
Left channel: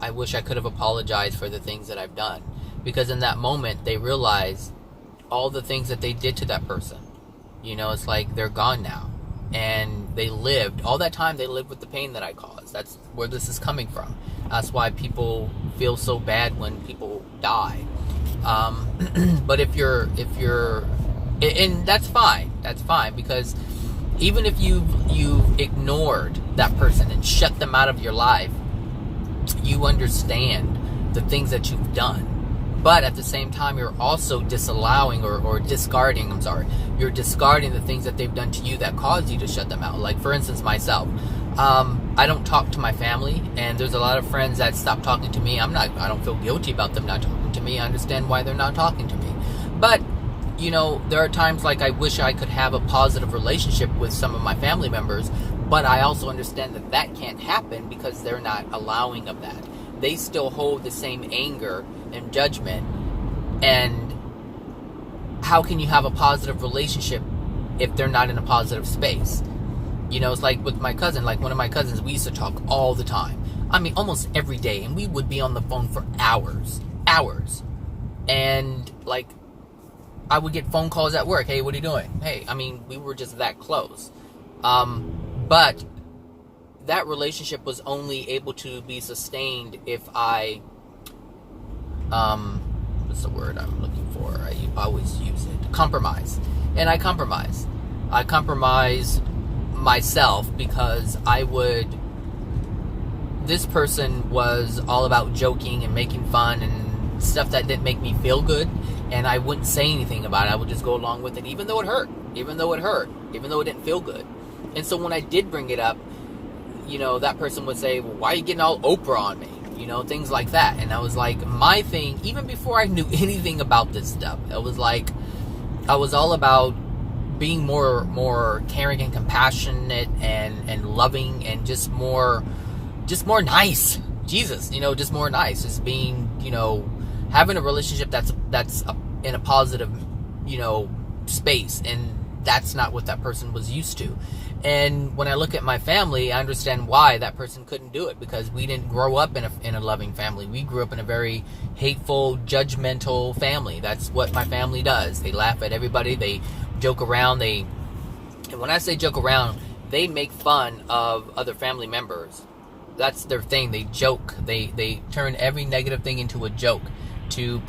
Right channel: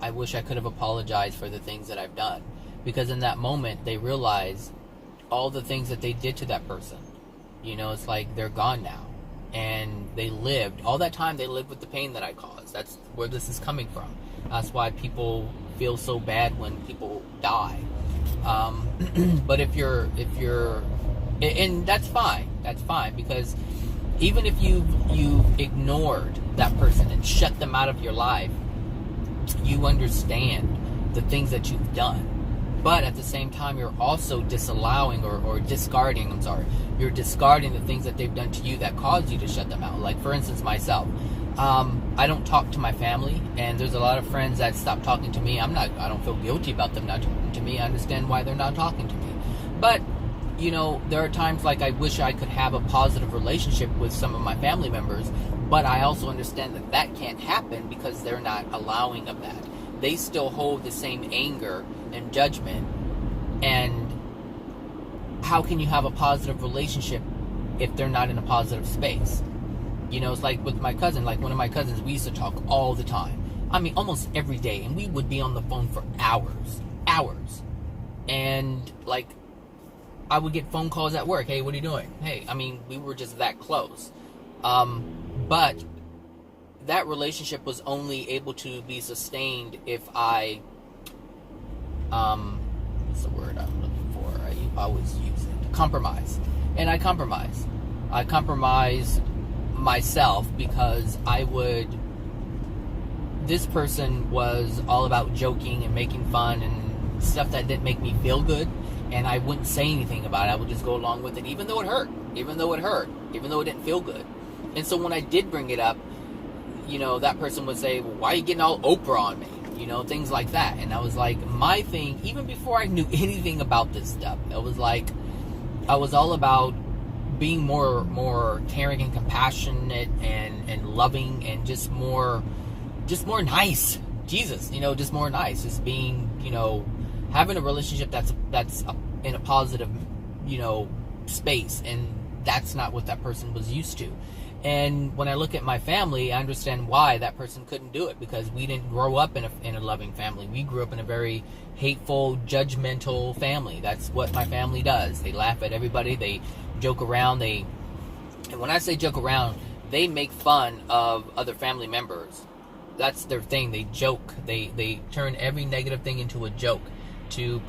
I wish I could have apologized for the things that I've done. Because in that moment, they realize all the things that they did to that person. It's like they're gone now. And they lived, all that time they lived with the pain that I caused. That's where this is coming from. That's why people feel so bad when people die. But if you're, and that's fine, because even if you've ignored that person and shut them out of your life, you understand the things that you've done. But at the same time, you're also disallowing or discarding, you're discarding the things that they've done to you that caused you to shut them out. Like, for instance, myself. I don't talk to my family, and there's a lot of friends that stop talking to me. I don't feel guilty about them not talking to me. I understand why they're not talking to me. But, there are times like I wish I could have a positive relationship with some of my family members, but I also understand that can't happen because they're not allowing of that. They still hold the same anger and judgment. And how can you have a positive relationship if they're not in a positive space? It's like with my cousin, like one of my cousins, we used to talk all the time. I mean, almost every day. And we would be on the phone for hours. And like, I would get phone calls at work. Hey, what are you doing? Hey, we were just that close. But that relationship was only able to be sustained if I, what's the word I'm looking for? I always use it. Compromise. And I compromise. I compromise myself because this person was all about joking and making fun and stuff that didn't make me feel good, and I wouldn't say anything about it. I would just go along with it, even though it hurt, even though it didn't feel good. And so when I did bring it up, that person would say, well, why are you getting all Oprah on me? Things like that. And I was like, my thing, even before I knew anything about this stuff, it was like, I was all about being more caring and compassionate and loving and just more nice. Jesus, just more nice. Just being, having a relationship that's in a positive, space. And that's not what that person was used to. And when I look at my family, I understand why that person couldn't do it, because we didn't grow up in a loving family. We grew up in a very hateful, judgmental family. That's what my family does. They laugh at everybody. They joke around. And when I say joke around, they make fun of other family members. That's their thing. They joke. They turn every negative thing into a joke to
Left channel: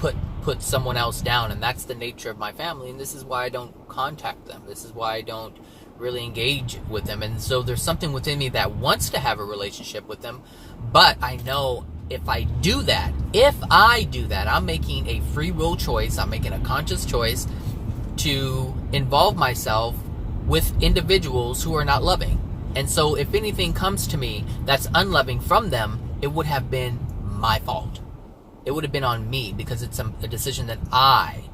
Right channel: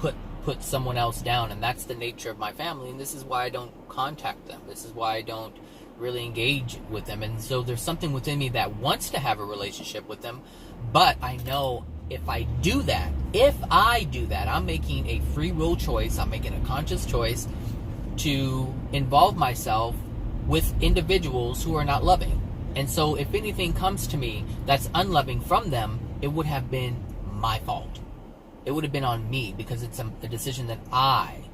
put someone else down. And that's the nature of my family. And this is why I don't contact them. This is why I don't really engage with them. And so there's something within me that wants to have a relationship with them, but I know if I do that, I'm making a free will choice. I'm making a conscious choice to involve myself with individuals who are not loving. And so if anything comes to me that's unloving from them, it would have been my fault. It would have been on me, because it's a decision that I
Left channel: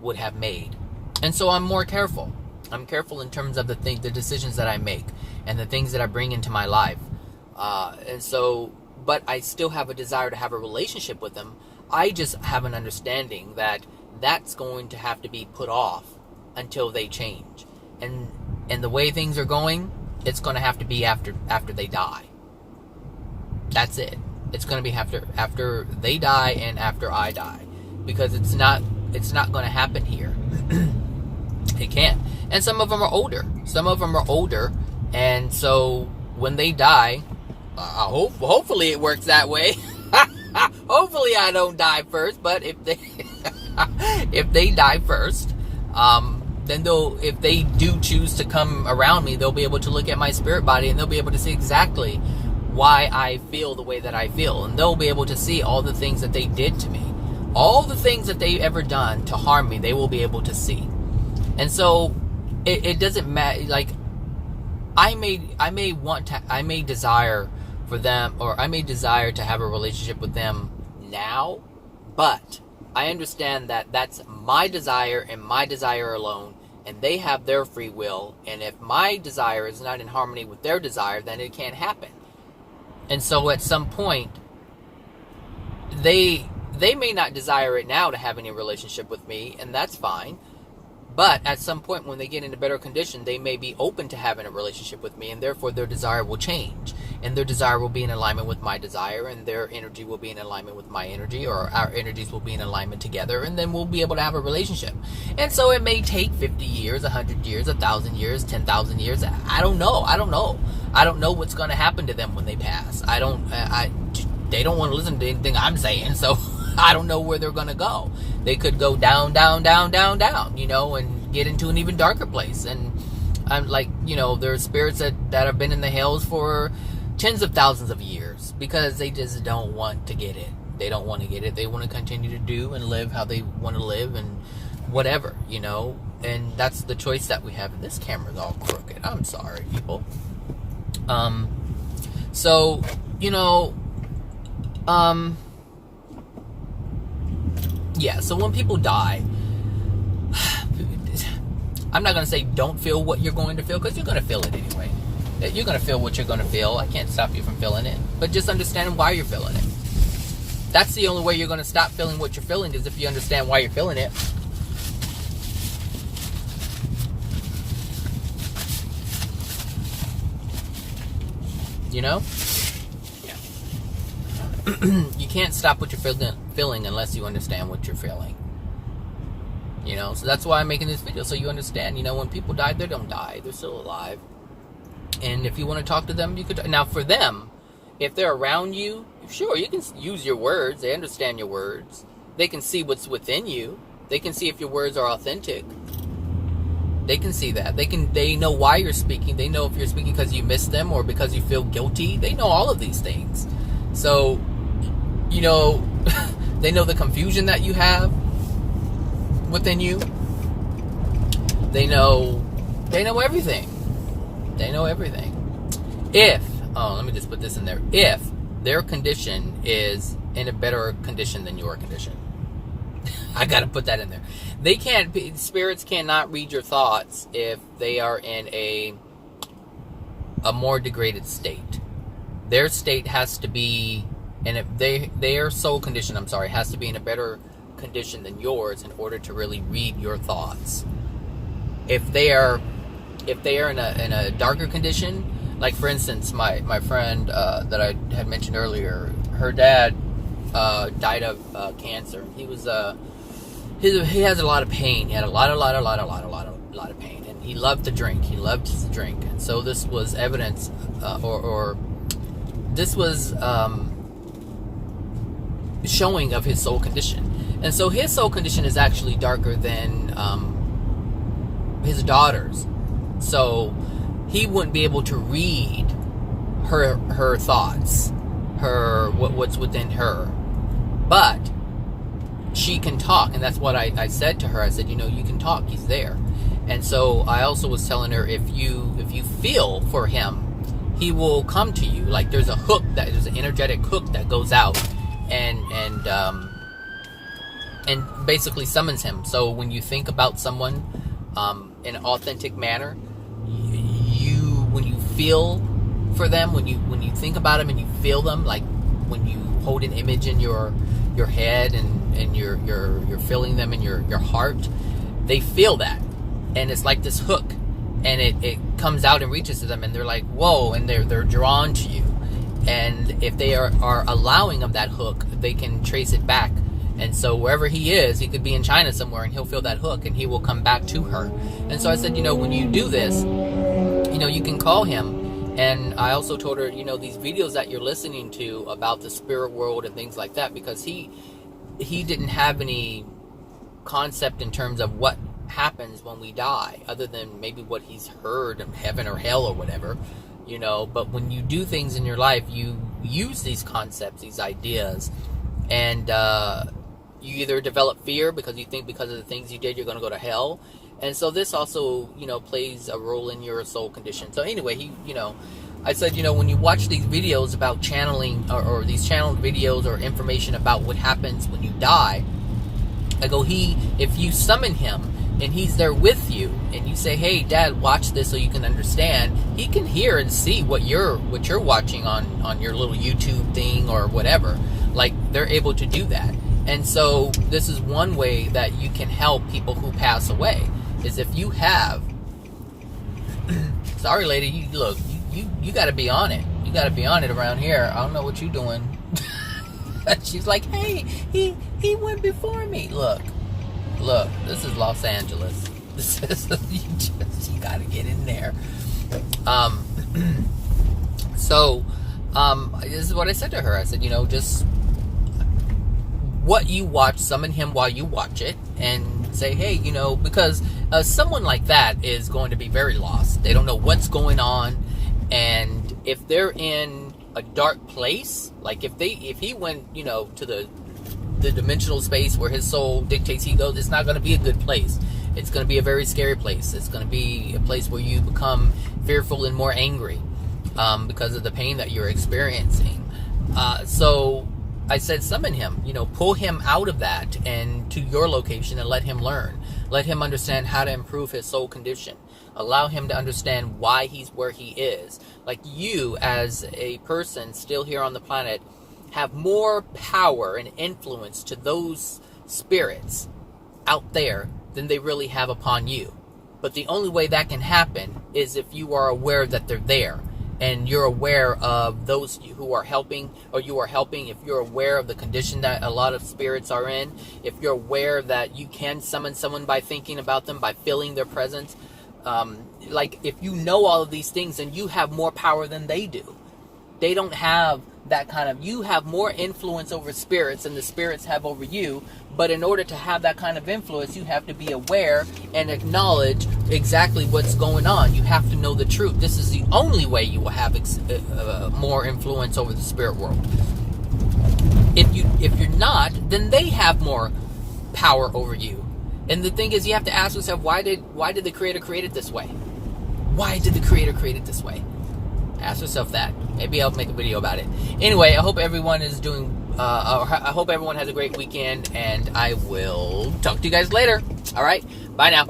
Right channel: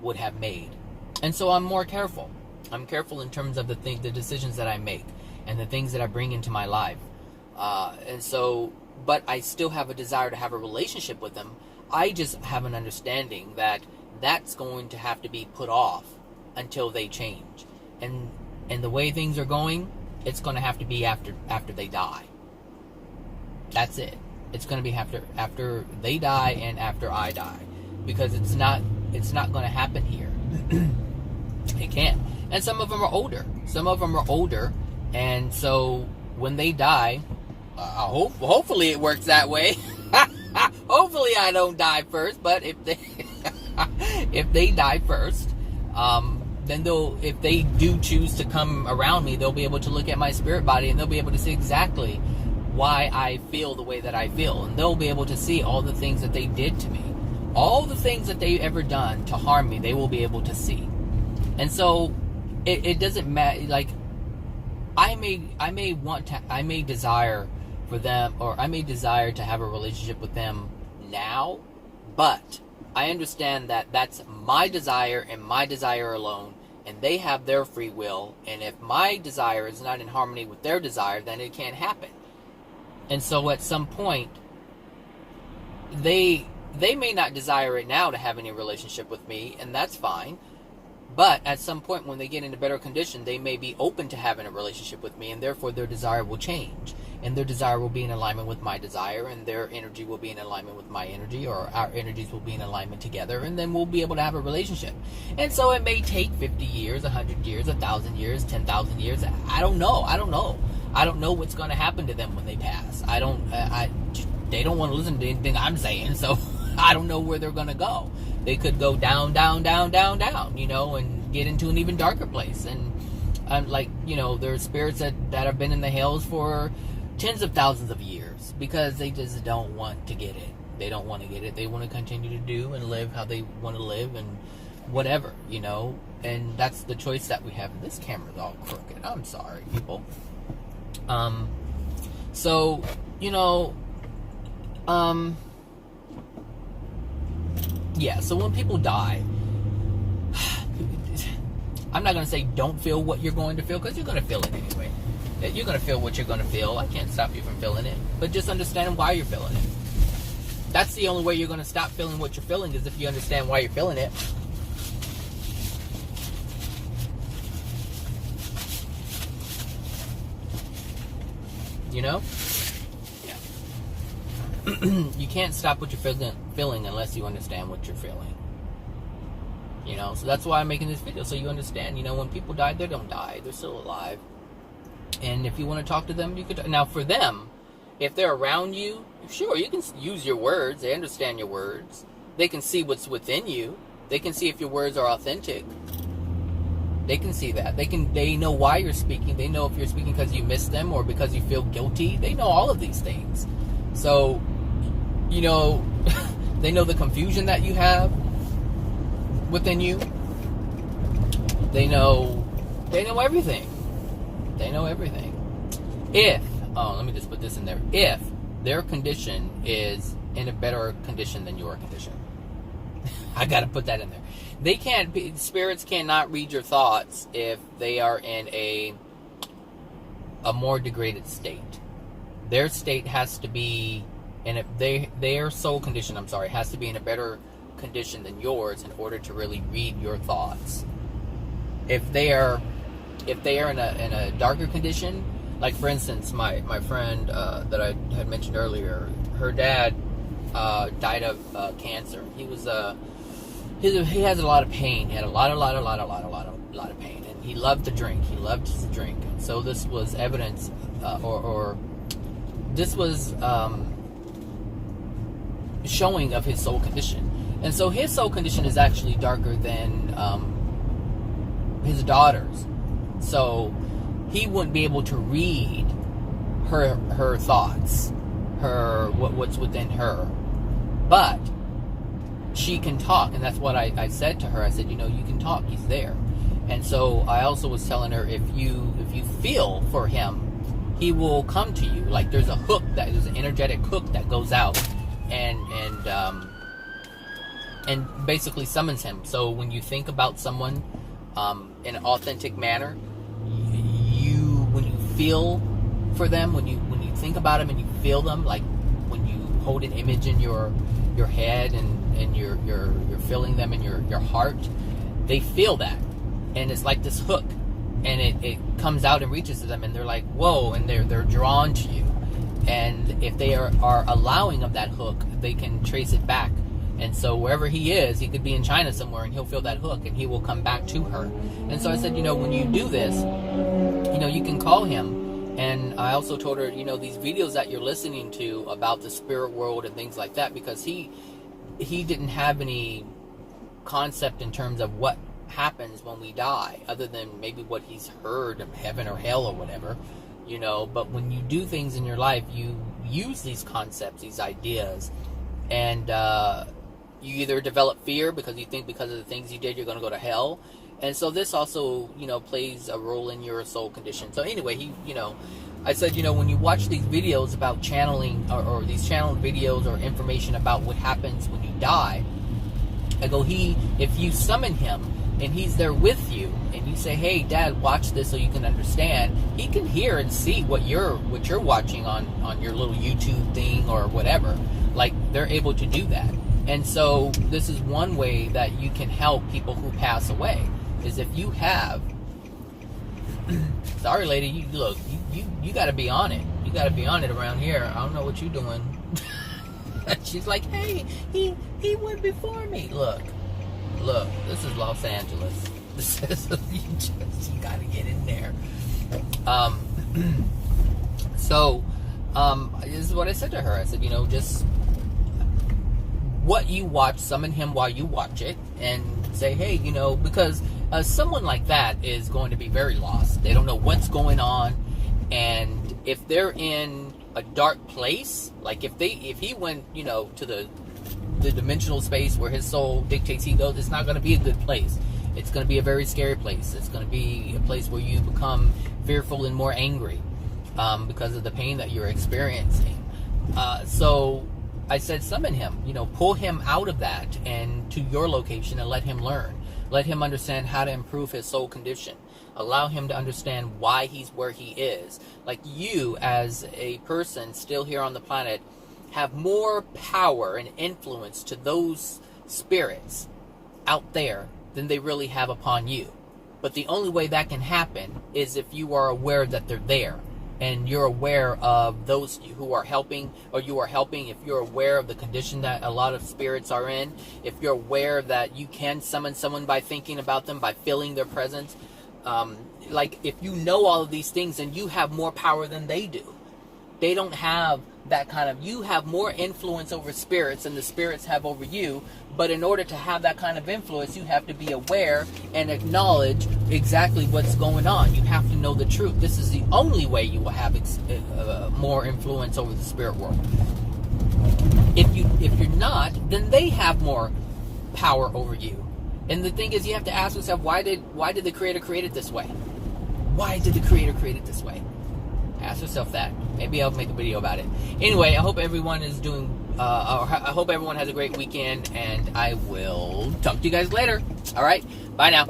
would have made. And so I'm more careful. I'm careful in terms of the decisions that I make and the things that I bring into my life. But I still have a desire to have a relationship with them. I just have an understanding that that's going to have to be put off until they change. and the way things are going, it's going to have to be after they die. That's it. It's going to be after they die and after I die, because it's not going to happen here. It can't. And some of them are older. And so when they die, hopefully it works that way. Hopefully I don't die first. But if they die first, then if they do choose to come around me, they'll be able to look at my spirit body, and they'll be able to see exactly why I feel the way that I feel. And they'll be able to see all the things that they did to me. All the things that they've ever done to harm me, they will be able to see. And so it doesn't matter. Like, I may desire for them, or I may desire to have a relationship with them now, but I understand that that's my desire and my desire alone, and they have their free will. And if my desire is not in harmony with their desire, then it can't happen. And so at some point, they may not desire it now to have any relationship with me, and that's fine. But at some point, when they get in a better condition, they may be open to having a relationship with me, and therefore their desire will change. And their desire will be in alignment with my desire, and their energy will be in alignment with my energy, or our energies will be in alignment together, and then we'll be able to have a relationship. And so it may take 50 years, 100 years, 1,000 years, 10,000 years. I don't know. I don't know what's going to happen to them when they pass. They don't want to listen to anything I'm saying, so I don't know where they're going to go. They could go down, down, down, down, down, and get into an even darker place. And I'm like, there are spirits that have been in the hells for tens of thousands of years, because they just don't want to get it. They don't want to get it. They want to continue to do and live how they want to live, and whatever, and that's the choice that we have. And this camera's all crooked. I'm sorry, people. So, yeah, so when people die, I'm not going to say don't feel what you're going to feel, because you're going to feel it anyway. You're going to feel what you're going to feel. I can't stop you from feeling it. But just understand why you're feeling it. That's the only way you're going to stop feeling what you're feeling, is if you understand why you're feeling it. Yeah. You can't stop what you're feeling unless you understand what you're feeling. So that's why I'm making this video, so you understand. When people die, they don't die. They're still alive. And if you want to talk to them, you could. Now, for them, if they're around you, sure, you can use your words. They understand your words. They can see what's within you. They can see if your words are authentic. They can see that. They know why you're speaking. They know if you're speaking because you miss them or because you feel guilty. They know all of these things. So, they know the confusion that you have within you. They know everything. They know everything. Let me just put this in there. If their condition is in a better condition than your condition. I gotta put that in there. Spirits cannot read your thoughts if they are in a more degraded state. Their state has to be, and their soul condition, has to be in a better condition than yours in order to really read your thoughts. If they are in a darker condition, like for instance, my friend that I had mentioned earlier, her dad died of cancer. He has a lot of pain. He had a lot of pain, and he loved to drink. He loved to drink, and so this was evidence, this was showing of his soul condition. And so his soul condition is actually darker than his daughter's. So he wouldn't be able to read her thoughts, what's within her. But she can talk, and that's what I said to her. I said, you can talk. He's there. And so I also was telling her, if you feel for him, he will come to you. Like there's there's an energetic hook that goes out and basically summons him. So when you think about someone in an authentic manner, when you feel for them, when you think about them and you feel them, like when you hold an image in your head and you're feeling them in your heart, they feel that, and it's like this hook and it comes out and reaches to them, and they're like, whoa, and they're drawn to you. And if they are allowing of that hook, they can trace it back. And so wherever he is, he could be in China somewhere, and he'll feel that hook, and he will come back to her. And so I said, when you do this, you can call him. And I also told her, these videos that you're listening to about the spirit world and things like that, because he didn't have any concept in terms of what happens when we die, other than maybe what he's heard of heaven or hell or whatever, but when you do things in your life, you use these concepts, these ideas, and you either develop fear because you think because of the things you did you're going to go to hell. And so this also plays a role in your soul condition. So anyway, I said, when you watch these videos about channeling, or these channeled videos or information about what happens when you die, I go, if you summon him and he's there with you, and you say, hey, Dad, watch this so you can understand, he can hear and see what you're watching on your little YouTube thing or whatever. Like, they're able to do that. And so this is one way that you can help people who pass away, is if you have, sorry lady, you got to be on it. You got to be on it around here. I don't know what you're doing. She's like, hey, he went before me. Look, this is Los Angeles. This is, you got to get in there. So this is what I said to her. I said, just what you watch, summon him while you watch it, and say, hey, because someone like that is going to be very lost. They don't know what's going on, and if they're in a dark place, like if he went, to the dimensional space where his soul dictates he goes, it's not going to be a good place. It's going to be a very scary place. It's going to be a place where you become fearful and more angry because of the pain that you're experiencing. So I said, summon him, pull him out of that and to your location, and let him learn. Let him understand how to improve his soul condition. Allow him to understand why he's where he is. Like, you as a person still here on the planet have more power and influence to those spirits out there than they really have upon you. But the only way that can happen is if you are aware that they're there, and you're aware of those who are helping, or you are helping. If you're aware of the condition that a lot of spirits are in, if you're aware that you can summon someone by thinking about them, by feeling their presence, like, if you know all of these things, then you have more power than they do. They don't have that kind of, you have more influence over spirits than the spirits have over you. But in order to have that kind of influence, you have to be aware and acknowledge exactly what's going on. You have to know the truth. This is the only way you will have more influence over the spirit world. If you're not, then they have more power over you. And the thing is, you have to ask yourself, why did the Creator create it this way? Why did the Creator create it this way? Ask yourself that. Maybe I'll make a video about it. Anyway, I hope everyone is doing, I hope everyone has a great weekend, and I will talk to you guys later. All right, bye now.